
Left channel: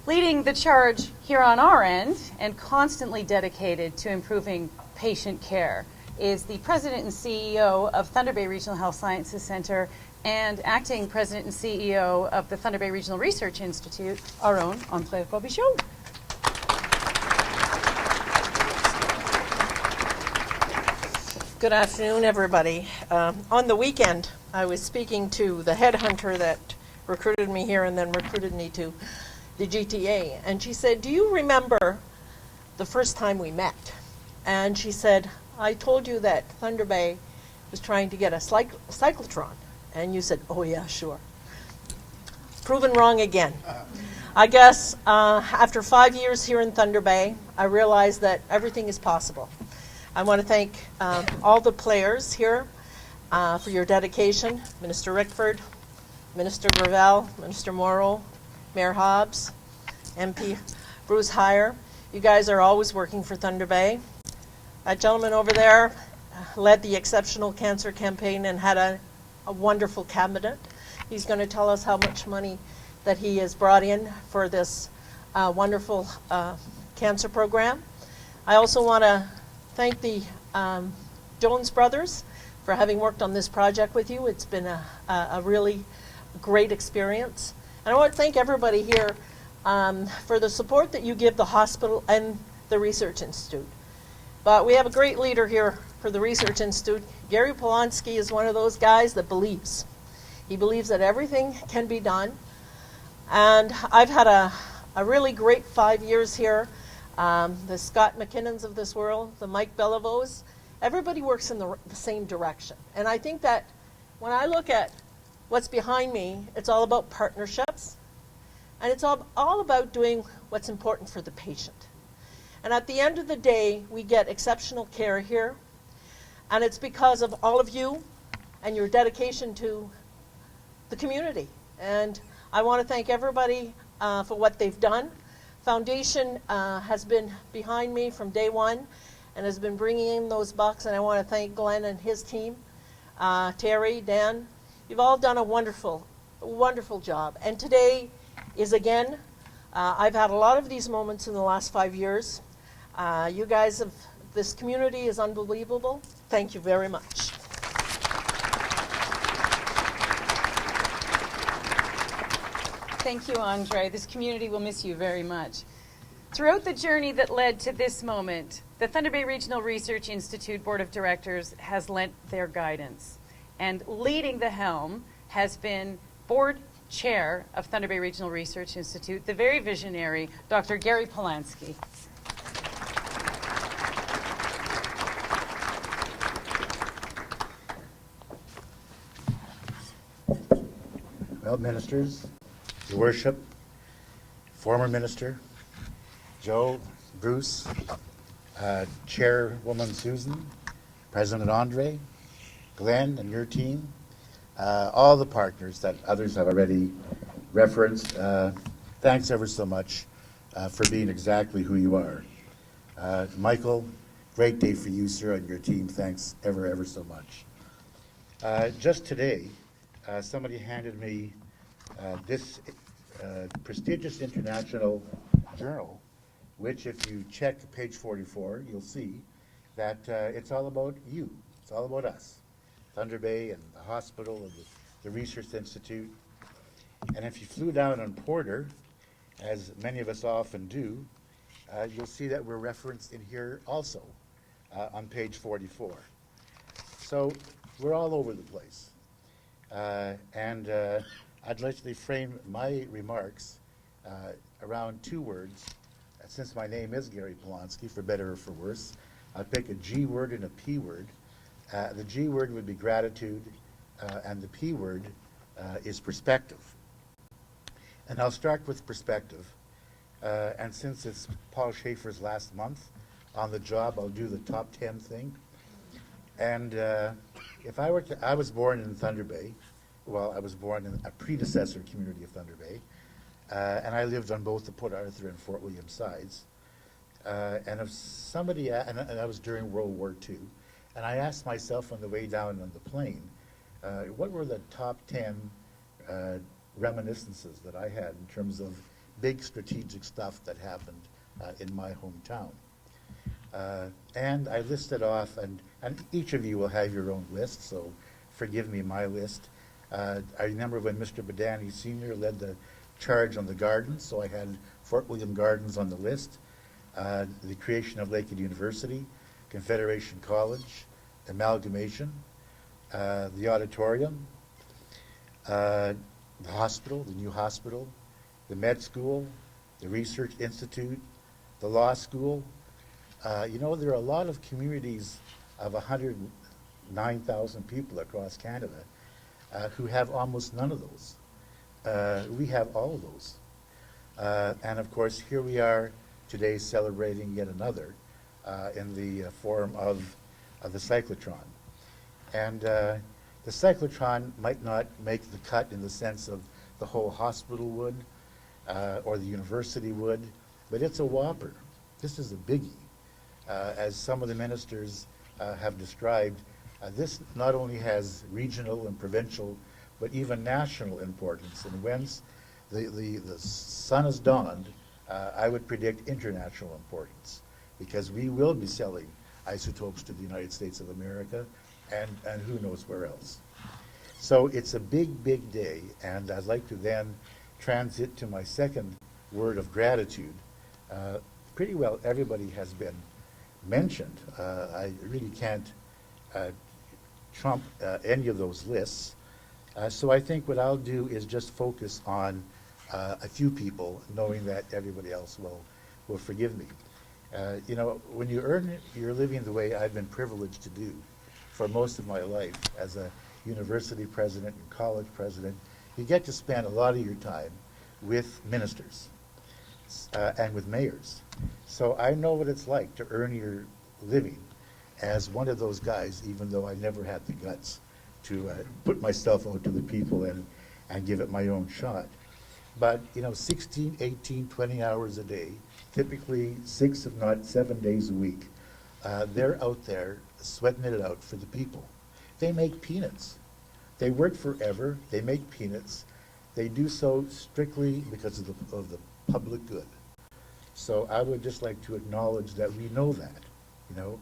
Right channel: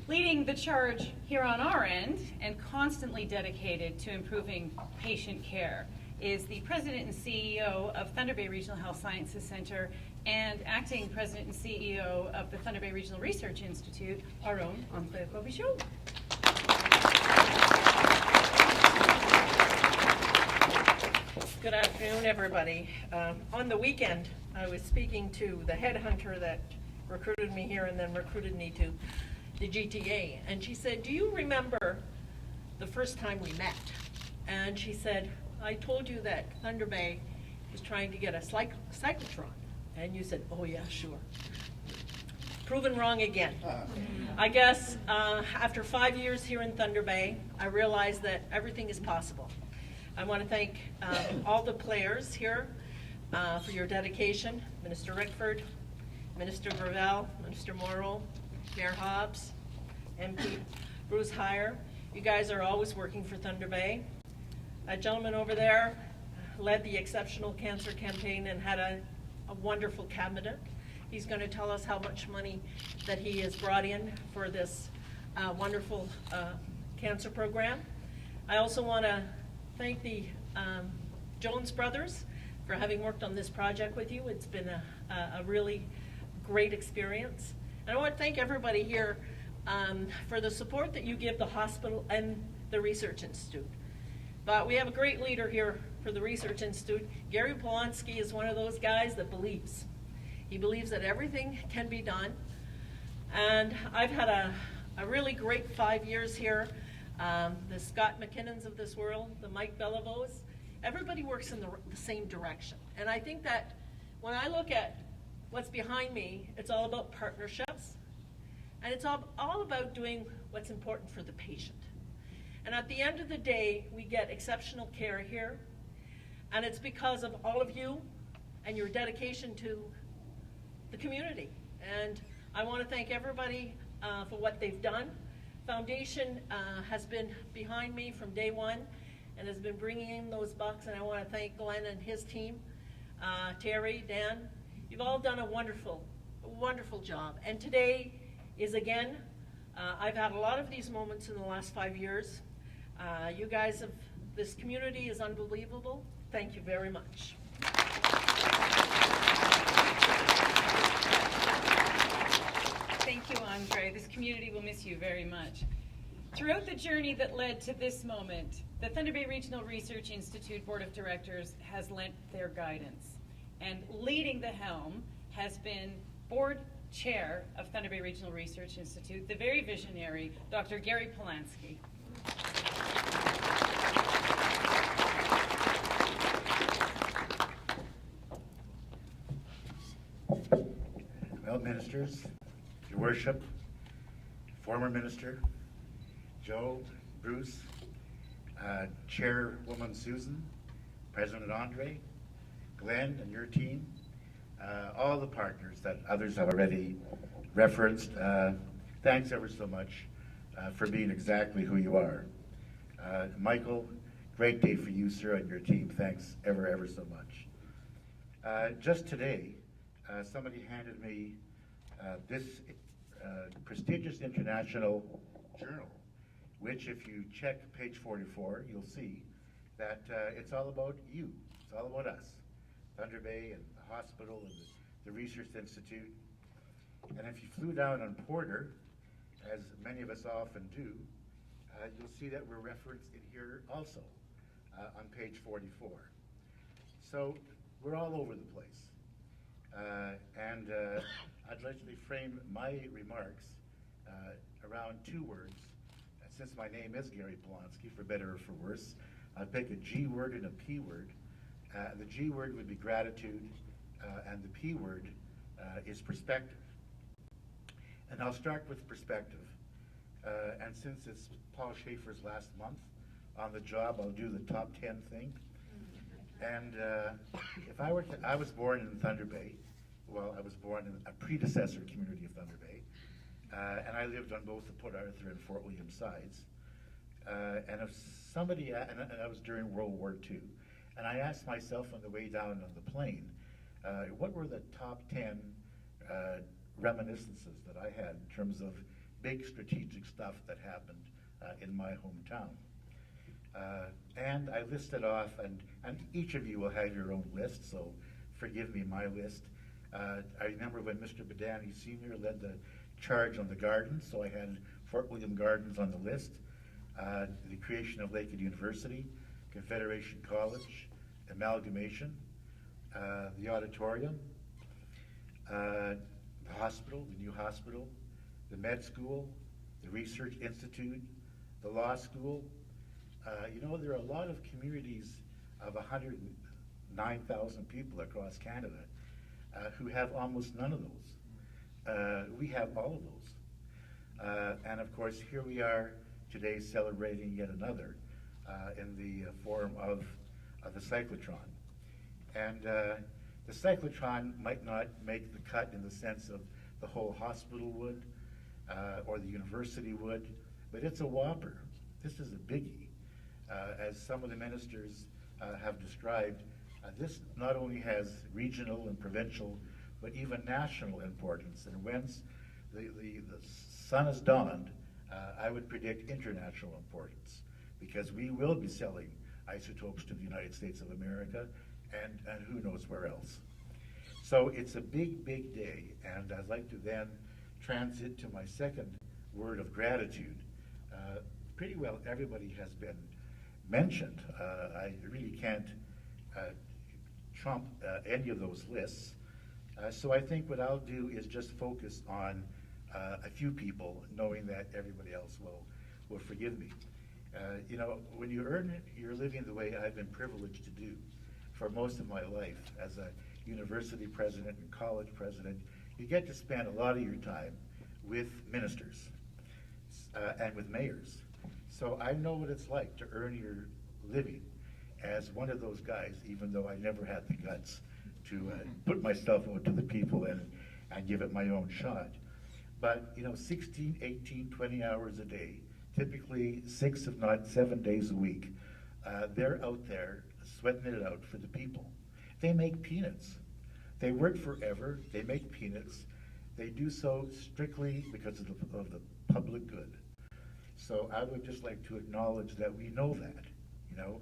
Leading the charge here on our end and constantly dedicated to improving patient care is the President and CEO of Thunder Bay Regional Health Sciences Center and Acting President and CEO of the Thunder Bay Regional Research Institute, our own Andre Robichaud. Good afternoon, everybody. On the weekend, I was speaking to the headhunter that recruited me here and then recruited me to the GTA. And she said, "Do you remember the first time we met?" And she said, "I told you that Thunder Bay was trying to get a cyclotron." And you said, "Oh, yeah, sure." Proven wrong again. I guess after 5 years here in Thunder Bay, I realized that everything is possible. I want to thank all the players here for your dedication. Minister Rickford, Minister Gravel, Minister Morrow, Mayor Hobbs, MP Bruce Heyer. You guys are always working for Thunder Bay. That gentleman over there led the exceptional cancer campaign and had a wonderful cabinet. He's going to tell us how much money that he has brought in for this wonderful cancer program. I also want to thank the Jones brothers for having worked on this project with you. It's been a really great experience. And I want to thank everybody here for the support that you give the hospital and the Research Institute. But we have a great leader here for the Research Institute. Gary Polonsky is one of those guys that believes. He believes that everything can be done. And I've had a really great 5 years here. The Scott McKinnons of this world, the Mike Bellevos, everybody works in the same direction. And I think that when I look at what's behind me, it's all about partnerships. And it's all about doing what's important for the patient. And at the end of the day, we get exceptional care here. And it's because of all of you and your dedication to the community. And I want to thank everybody for what they've done. Foundation has been behind me from day one and has been bringing in those bucks. And I want to thank Glenn and his team, Terry, Dan. You've all done a wonderful, wonderful job. And today is again, I've had a lot of these moments in the last 5 years. You guys have, this community is unbelievable. Thank you very much. Thank you, Andre. This community will miss you very much. Throughout the journey that led to this moment, the Thunder Bay Regional Research Institute Board of Directors has lent their guidance. And leading the helm has been Board Chair of Thunder Bay Regional Research Institute, the very visionary Dr. Gary Polonsky. Well, ministers, Your Worship, former minister, Joe, Bruce, Chairwoman Susan, President Andre, Glenn and your team, all the partners that others have already referenced, thanks ever so much for being exactly who you are. Michael, great day for you, sir, and your team. Thanks ever so much. Just today, somebody handed me this prestigious international journal, which if you check page 44, you'll see that it's all about you. It's all about us, Thunder Bay and the hospital and the Research Institute. And if you flew down on Porter, as many of us often do, you'll see that we're referenced in here also on page 44. So we're all over the place. And I'd like to frame my remarks around two words. Since my name is Gary Polonsky, for better or for worse, I'll pick a G word and a P word. The G word would be gratitude, and the P word is perspective. And I'll start with perspective. And since it's Paul Schaefer's last month on the job, I'll do the top 10 thing. And if I were to, I was born in Thunder Bay. Well, I was born in a predecessor community of Thunder Bay. And I lived on both the Port Arthur and Fort William sides. And if somebody, and that was during World War II, and I asked myself on the way down on the plane, what were the top 10 reminiscences that I had in terms of big strategic stuff that happened in my hometown? And I listed off, and each of you will have your own list, so forgive me my list. I remember when Mr. Badani Sr. led the charge on the gardens, so I had Fort William Gardens on the list, the creation of Lakehead University, Confederation College, amalgamation, the auditorium, the hospital, the new hospital, the med school, the research institute, the law school. You know, there are a lot of communities of 109,000 people across Canada who have almost none of those. We have all of those. And of course, here we are today celebrating yet another in the form of the cyclotron. And the cyclotron might not make the cut in the sense of the whole hospital would or the university would, but it's a whopper. This is a biggie. As some of the ministers have described, this not only has regional and provincial, but even national importance. And once the sun has dawned, I would predict international importance, because we will be selling isotopes to the United States of America and who knows where else. So it's a big, big day, and I'd like to then transit to my second word of gratitude. Pretty well everybody has been mentioned. I really can't trump any of those lists. So I think what I'll do is just focus on a few people, knowing that everybody else will forgive me. You know, when you earn your living the way I've been privileged to do for most of my life as a university president and college president, you get to spend a lot of your time with ministers and with mayors. So I know what it's like to earn your living as one of those guys, even though I never had the guts to put myself out to the people and give it my own shot. But, you know, 16, 18, 20 hours a day, typically 6 if not 7 days a week, they're out there sweating it out for the people. They make peanuts. They work forever, they make peanuts. They do so strictly because of the public good. So I would just like to acknowledge that we know that, you know.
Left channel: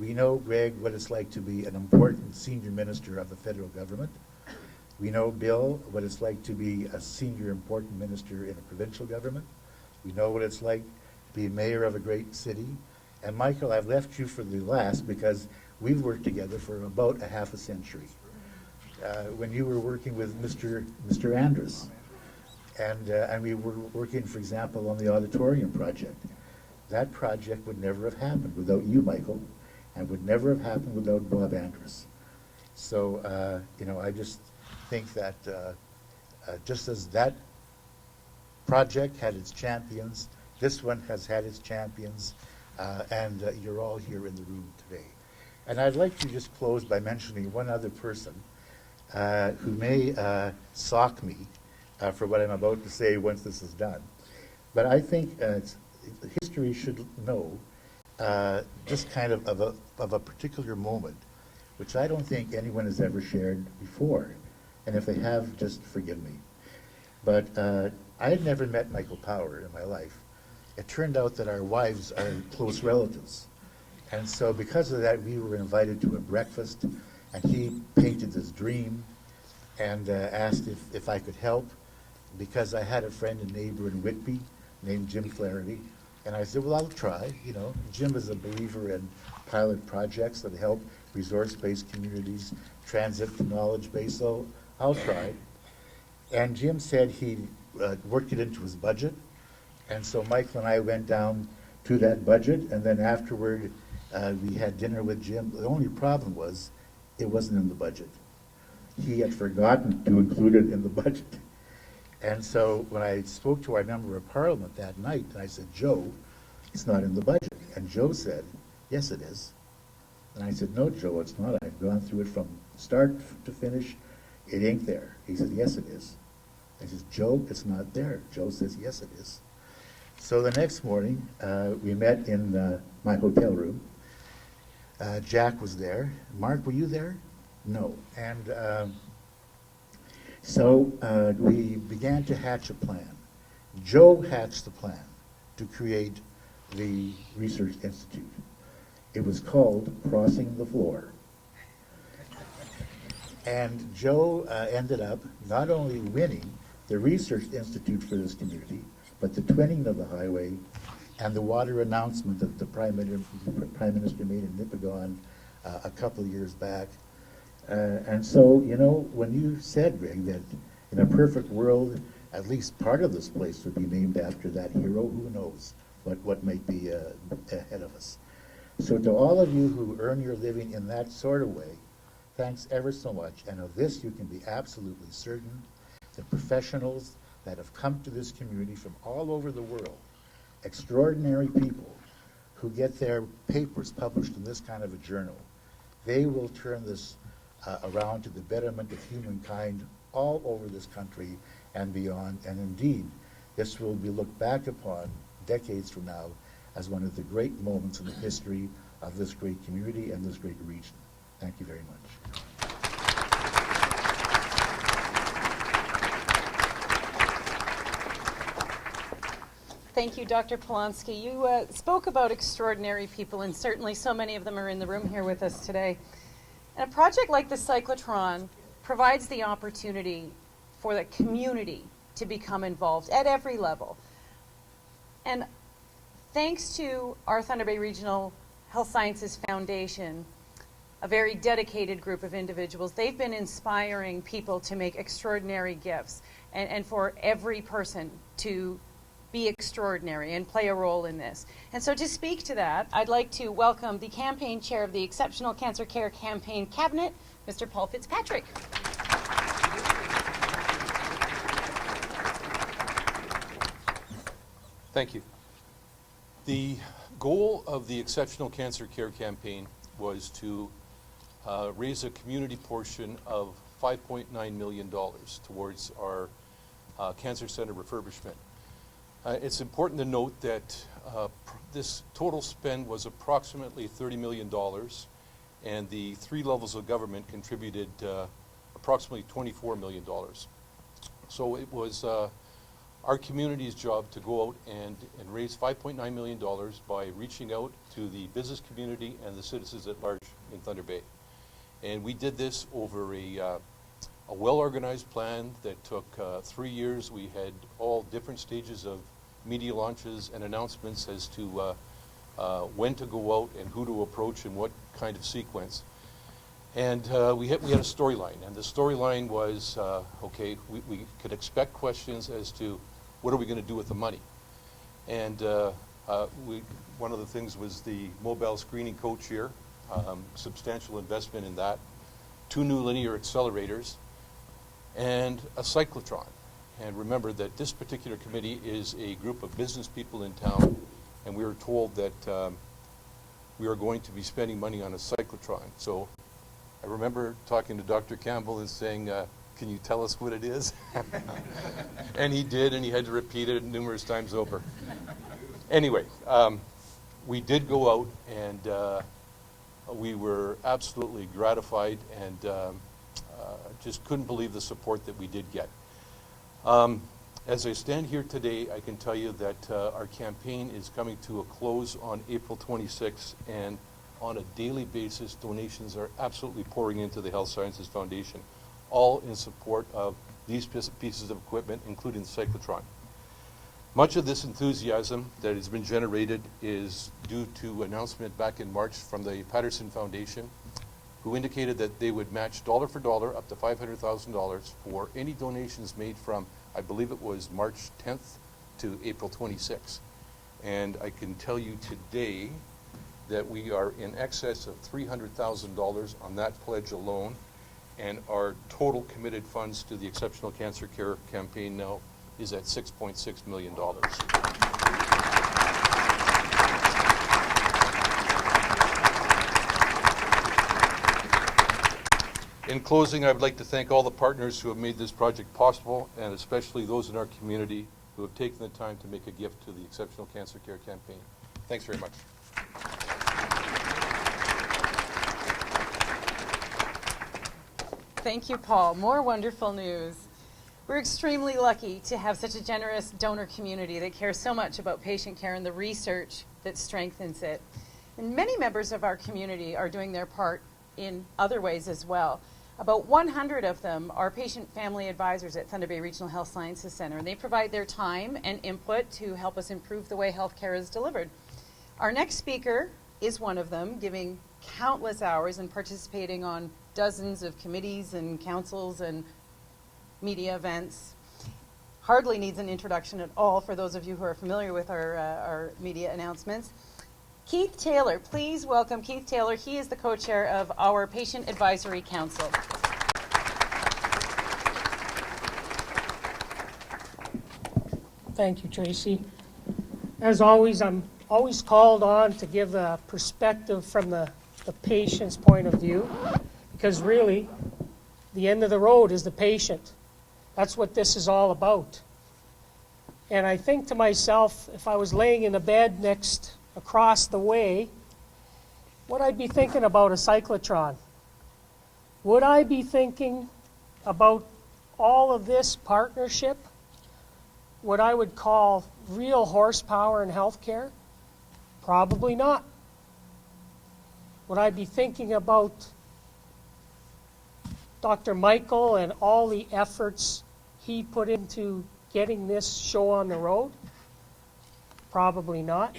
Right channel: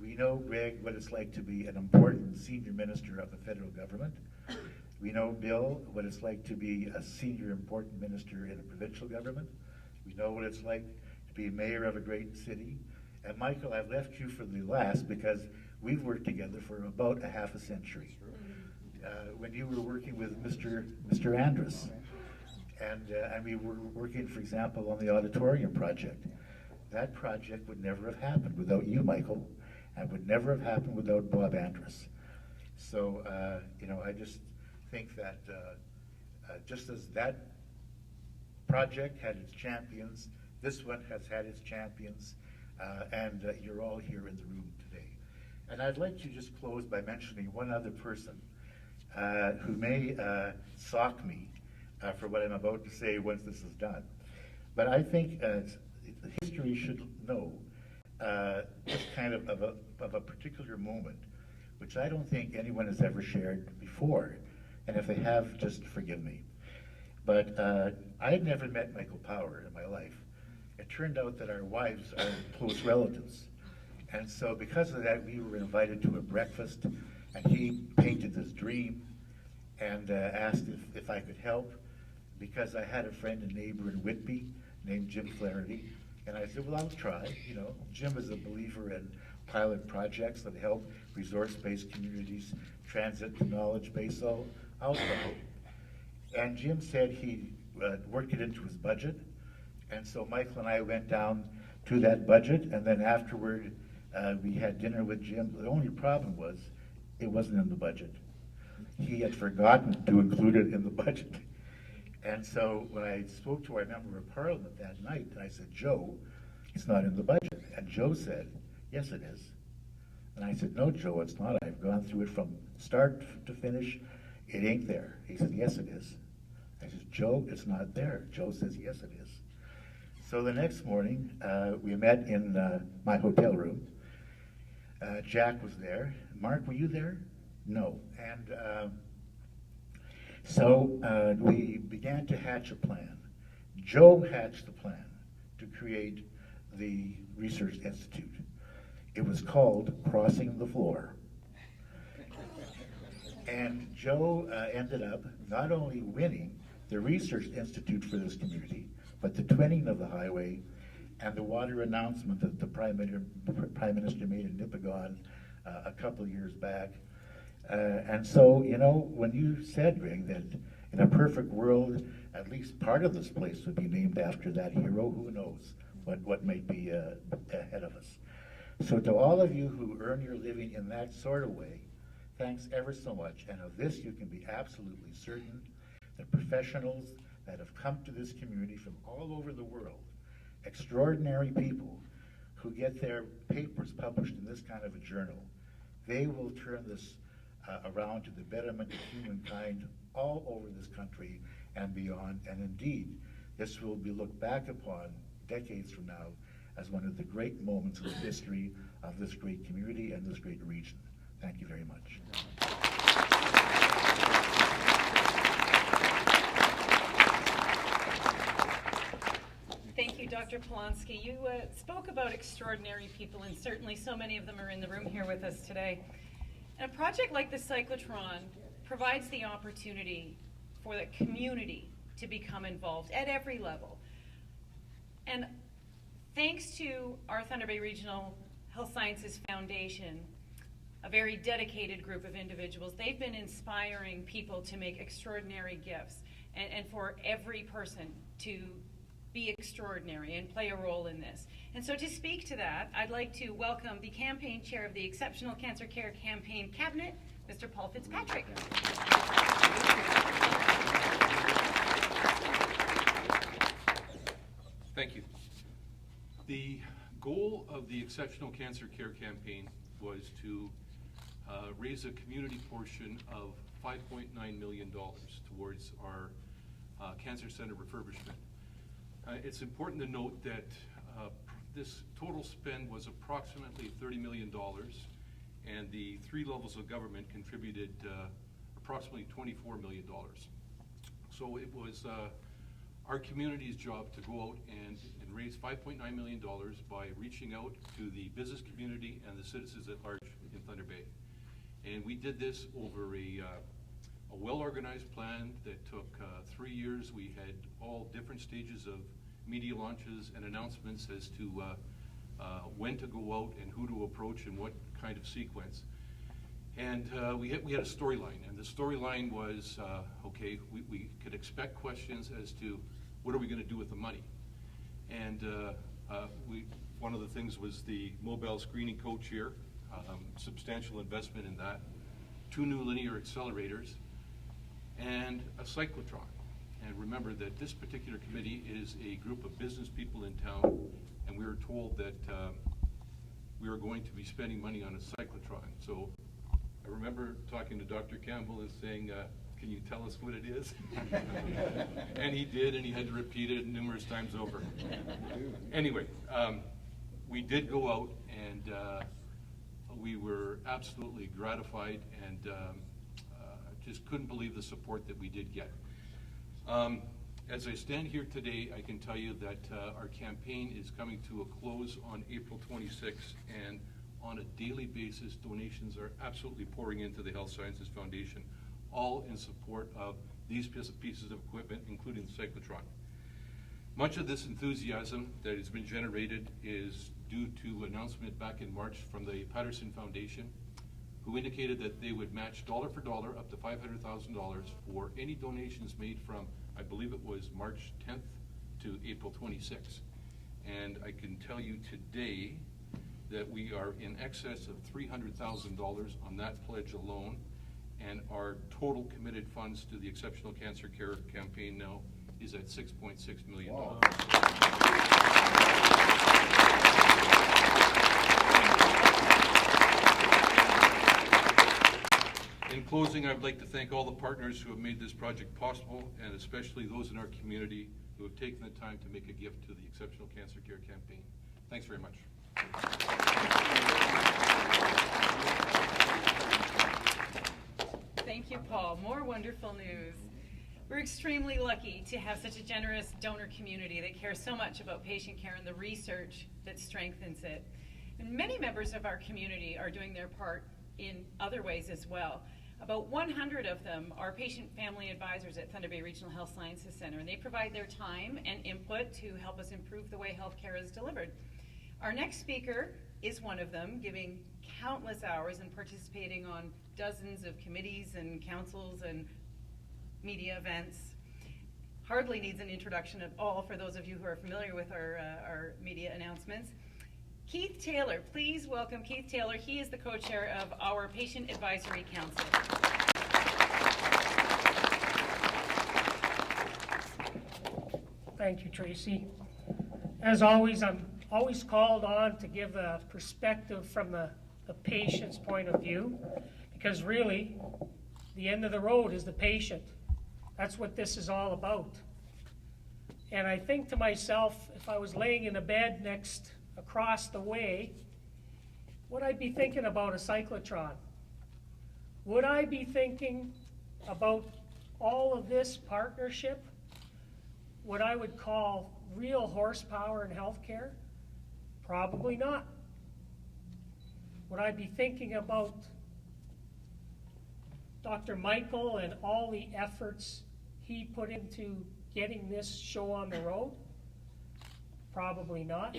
We know, Greg, what it's like to be an important senior minister of the federal government. We know, Bill, what it's like to be a senior important minister in a provincial government. We know what it's like to be mayor of a great city. And Michael, I've left you for the last because we've worked together for about a half a century. When you were working with Mr. Andrus, and we were working, for example, on the auditorium project. That project would never have happened without you, Michael, and would never have happened without Bob Andrus. So, you know, I just think that just as that project had its champions, this one has had its champions, and you're all here in the room today. And I'd like to just close by mentioning one other person who may sock me for what I'm about to say once this is done. But I think history should know just kind of a particular moment, which I don't think anyone has ever shared before. And if they have, just forgive me. But I had never met Michael Power in my life. It turned out that our wives are close relatives. And so because of that, we were invited to a breakfast, and he painted this dream and asked if I could help, because I had a friend and neighbor in Whitby named Jim Flaherty. And I said, well, I'll try. You know, Jim is a believer in pilot projects that help resource-based communities transit to knowledge base, so I'll try. And Jim said he worked it into his budget. And so Michael and I went down to that budget, and then afterward we had dinner with Jim. The only problem was it wasn't in the budget. He had forgotten to include it in the budget. And so when I spoke to our member of parliament that night, I said, Joe, it's not in the budget. And Joe said, yes, it is. And I said, no, Joe, it's not. I've gone through it from start to finish. It ain't there. He said, yes, it is. I said, Joe, it's not there. Joe says, yes, it is. So the next morning, we met in my hotel room. Jack was there. Mark, were you there? No. And so we began to hatch a plan. Joe hatched the plan to create the Research Institute. It was called Crossing the Floor. And Joe ended up not only winning the Research Institute for this community, but the twinning of the highway and the water announcement that the Prime Minister made in Nipigon a couple of years back. And so, you know, when you said, Greg, that in a perfect world, at least part of this place would be named after that hero, who knows what might be ahead of us. So to all of you who earn your living in that sort of way, thanks ever so much. And of this, you can be absolutely certain. The professionals that have come to this community from all over the world, extraordinary people who get their papers published in this kind of a journal, they will turn this around to the betterment of humankind all over this country and beyond. And indeed, this will be looked back upon decades from now as one of the great moments in the history of this great community and this great region. Thank you very much. Thank you, Dr. Polonsky. You spoke about extraordinary people, and certainly so many of them are in the room here with us today. And a project like the Cyclotron provides the opportunity for the community to become involved at every level. And thanks to our Thunder Bay Regional Health Sciences Foundation, a very dedicated group of individuals, they've been inspiring people to make extraordinary gifts and for every person to be extraordinary and play a role in this. And so to speak to that, I'd like to welcome the campaign chair of the Exceptional Cancer Care Campaign Cabinet, Mr. Paul Fitzpatrick. Thank you. The goal of the Exceptional Cancer Care Campaign was to raise a community portion of $5.9 million towards our cancer center refurbishment. It's important to note that this total spend was approximately $30 million, and the three levels of government contributed approximately $24 million. So it was our community's job to go out and raise $5.9 million by reaching out to the business community and the citizens at large in Thunder Bay. And we did this over a well-organized plan that took 3 years. We had all different stages of media launches and announcements as to when to go out and who to approach and what kind of sequence. And we had a storyline, and the storyline was, okay, we could expect questions as to what are we going to do with the money. And one of the things was the mobile screening coach here, substantial investment in that, 2 new linear accelerators, and a cyclotron. And remember that this particular committee is a group of business people in town, and we were told that we are going to be spending money on a cyclotron. So I remember talking to Dr. Campbell and saying, can you tell us what it is? And he did, and he had to repeat it numerous times over. Anyway, we did go out, and we were absolutely gratified and just couldn't believe the support that we did get. As I stand here today, I can tell you that our campaign is coming to a close on April 26th, and on a daily basis, donations are absolutely pouring into the Health Sciences Foundation, all in support of these pieces of equipment, including the cyclotron. Much of this enthusiasm that has been generated is due to announcement back in March from the Patterson Foundation, who indicated that they would match dollar for dollar up to $500,000 for any donations made from, I believe it was March 10th to April 26th. And I can tell you today that we are in excess of $300,000 on that pledge alone, and our total committed funds to the Exceptional Cancer Care Campaign now is at $6.6 million. In closing, I would like to thank all the partners who have made this project possible, and especially those in our community who have taken the time to make a gift to the Exceptional Cancer Care Campaign. Thanks very much. Thank you, Paul. More wonderful news. We're extremely lucky to have such a generous donor community that cares so much about patient care and the research that strengthens it. And many members of our community are doing their part in other ways as well. About 100 of them are patient family advisors at Thunder Bay Regional Health Sciences Center, and they provide their time and input to help us improve the way healthcare is delivered. Our next speaker is one of them, giving countless hours and participating on dozens of committees and councils and media events. Hardly needs an introduction at all for those of you who are familiar with our media announcements. Keith Taylor, please welcome Keith Taylor. He is the co-chair of our Patient Advisory Council. Thank you, Tracy. As always, I'm always called on to give a perspective from the patient's point of view, because really, the end of the road is the patient. That's what this is all about. And I think to myself, if I was laying in a bed across the way, would I be thinking about a cyclotron? Would I be thinking about all of this partnership, what I would call real horsepower in healthcare? Probably not. Would I be thinking about Dr. Michael and all the efforts he put into getting this show on the road? Probably not.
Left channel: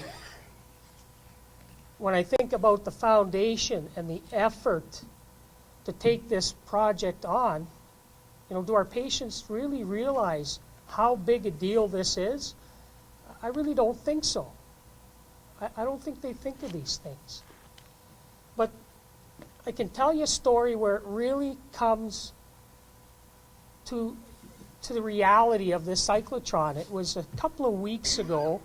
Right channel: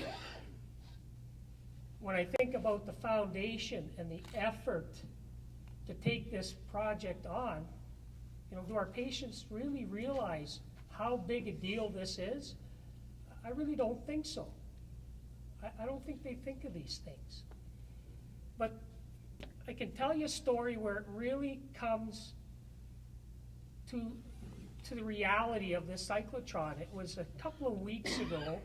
When I think about the foundation and the effort to take this project on, do our patients really realize how big a deal this is? I really don't think so. I don't think they think of these things. But I can tell you a story where it really comes to the reality of this cyclotron. It was a couple of weeks ago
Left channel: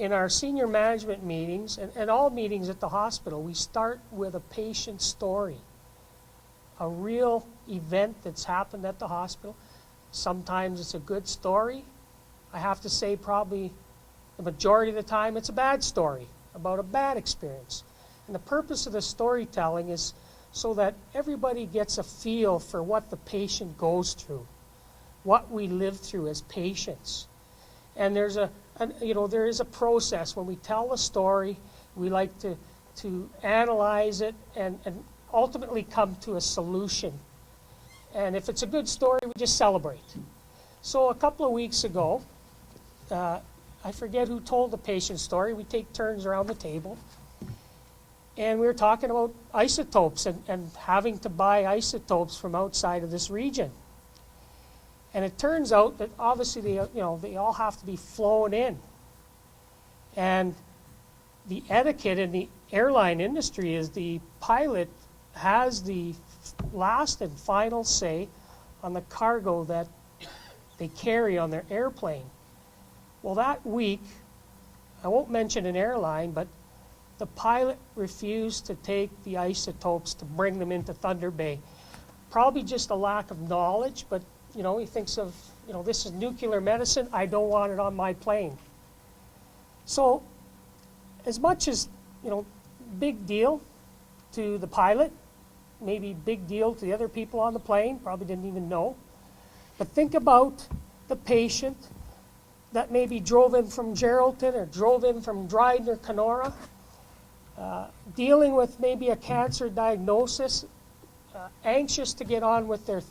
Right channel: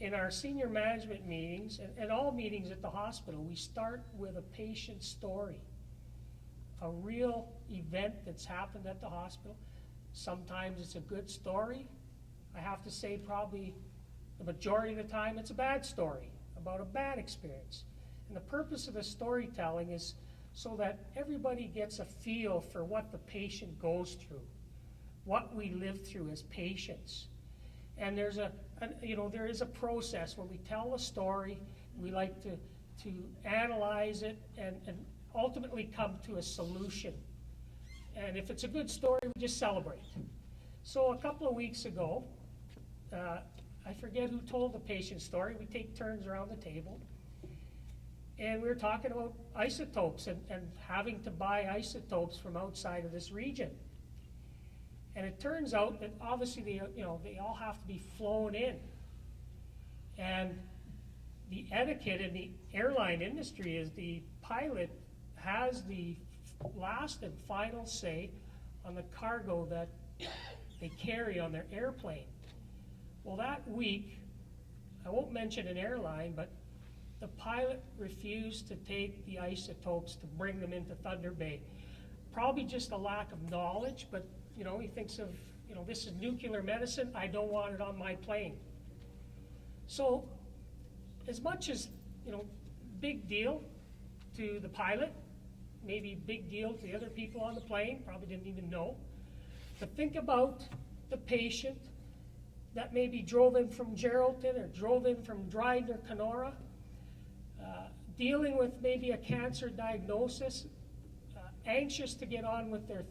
in our senior management meetings and all meetings at the hospital. We start with a patient story, a real event that's happened at the hospital. Sometimes it's a good story. I have to say probably the majority of the time it's a bad story about a bad experience. And the purpose of the storytelling is so that everybody gets a feel for what the patient goes through, what we live through as patients. And there is a process. When we tell the story, we like to analyze it and ultimately come to a solution. And if it's a good story, we just celebrate. So a couple of weeks ago, I forget who told the patient story. We take turns around the table. And we were talking about isotopes and having to buy isotopes from outside of this region. And it turns out that obviously they all have to be flown in. And the etiquette in the airline industry is the pilot has the last and final say on the cargo that they carry on their airplane. Well, that week, I won't mention an airline, but the pilot refused to take the isotopes to bring them into Thunder Bay. Probably just a lack of knowledge, but he thinks of, this is nuclear medicine, I don't want it on my plane. So, as much as, big deal to the pilot, maybe big deal to the other people on the plane, probably didn't even know. But think about the patient that maybe drove in from Geraldton or drove in from Dryden or Kenora, dealing with maybe a cancer diagnosis, anxious to get on with their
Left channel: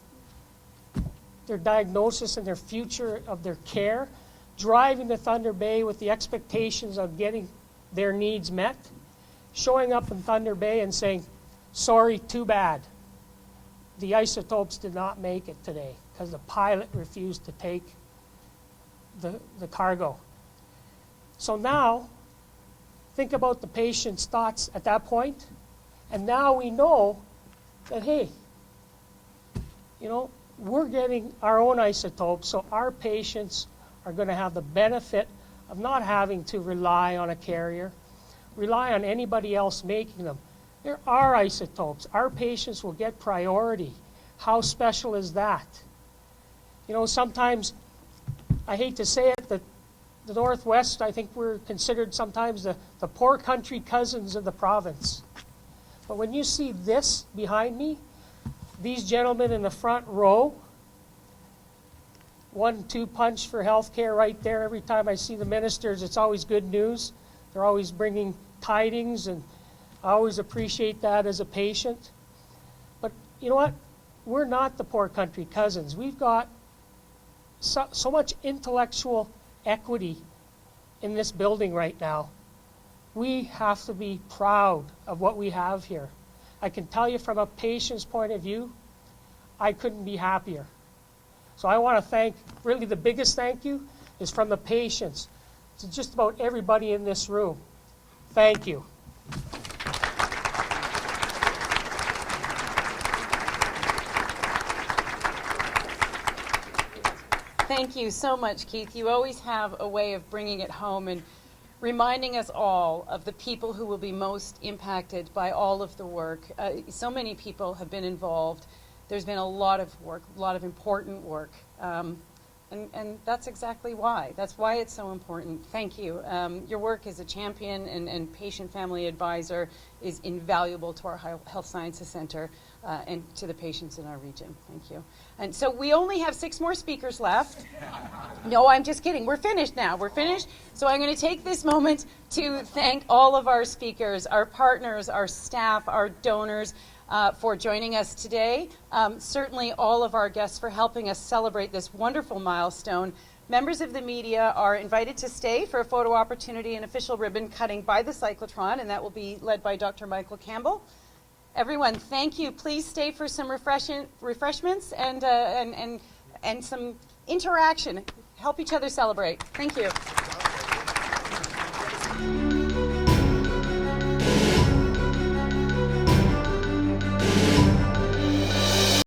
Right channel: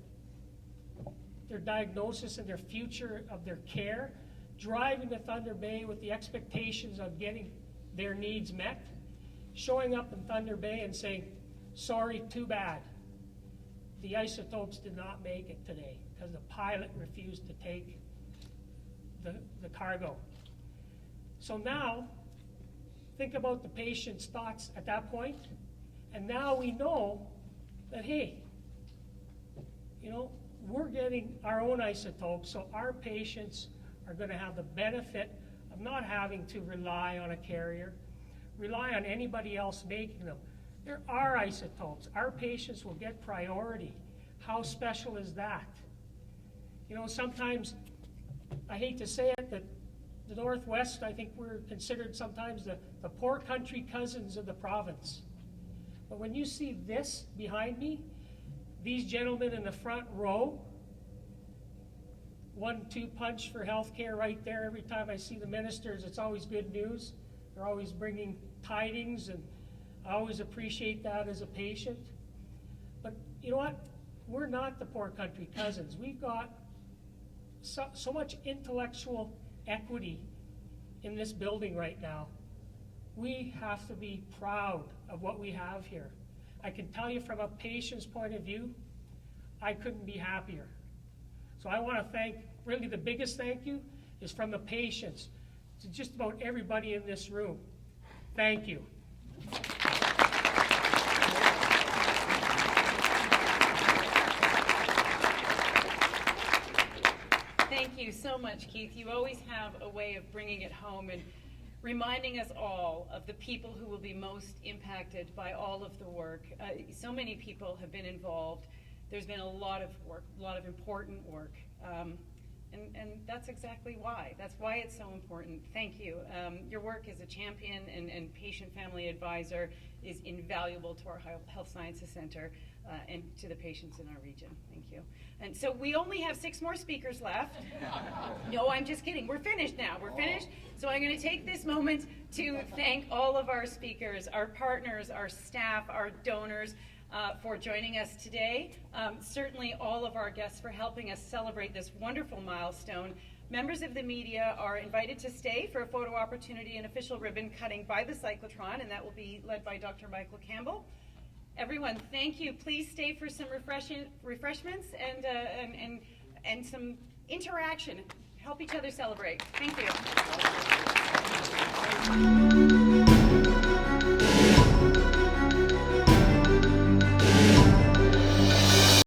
diagnosis and their future of their care, driving to Thunder Bay with the expectations of getting their needs met, showing up in Thunder Bay and saying, sorry, too bad. The isotopes did not make it today because the pilot refused to take the cargo. So now, think about the patient's thoughts at that point, and now we know that, hey, we're getting our own isotopes, so our patients are going to have the benefit of not having to rely on a carrier, rely on anybody else making them. There are isotopes. Our patients will get priority. How special is that? Sometimes, I hate to say it, the Northwest, I think we're considered sometimes the poor country cousins of the province. But when you see this behind me, these gentlemen in the front row, 1-2 punch for healthcare right there. Every time I see the ministers, it's always good news. They're always bringing tidings, and I always appreciate that as a patient. But you know what? We're not the poor country cousins. We've got so much intellectual equity in this building right now we have to be proud of what we have here. I can tell you from a patient's point of view, I couldn't be happier. So I want to thank, really the biggest thank you is from the patients to just about everybody in this room. Thank you. Thank you so much, Keith. You always have a way of bringing it home and reminding us all of the people who will be most impacted by all of the work. So many people have been involved. There's been a lot of work, a lot of important work. And that's exactly why. That's why it's so important. Thank you. Your work as a champion and patient family advisor is invaluable to our Health Sciences Center and to the patients in our region. Thank you. And so we only have 6 more speakers left. No, I'm just kidding. We're finished now. We're finished. So I'm going to take this moment to thank all of our speakers, our partners, our staff, our donors, for joining us today. Certainly all of our guests for helping us celebrate this wonderful milestone. Members of the media are invited to stay for a photo opportunity and official ribbon cutting by the Cyclotron, and that will be led by Dr. Michael Campbell. Everyone, thank you. Please stay for some refreshments and some interaction. Help each other celebrate. Thank you.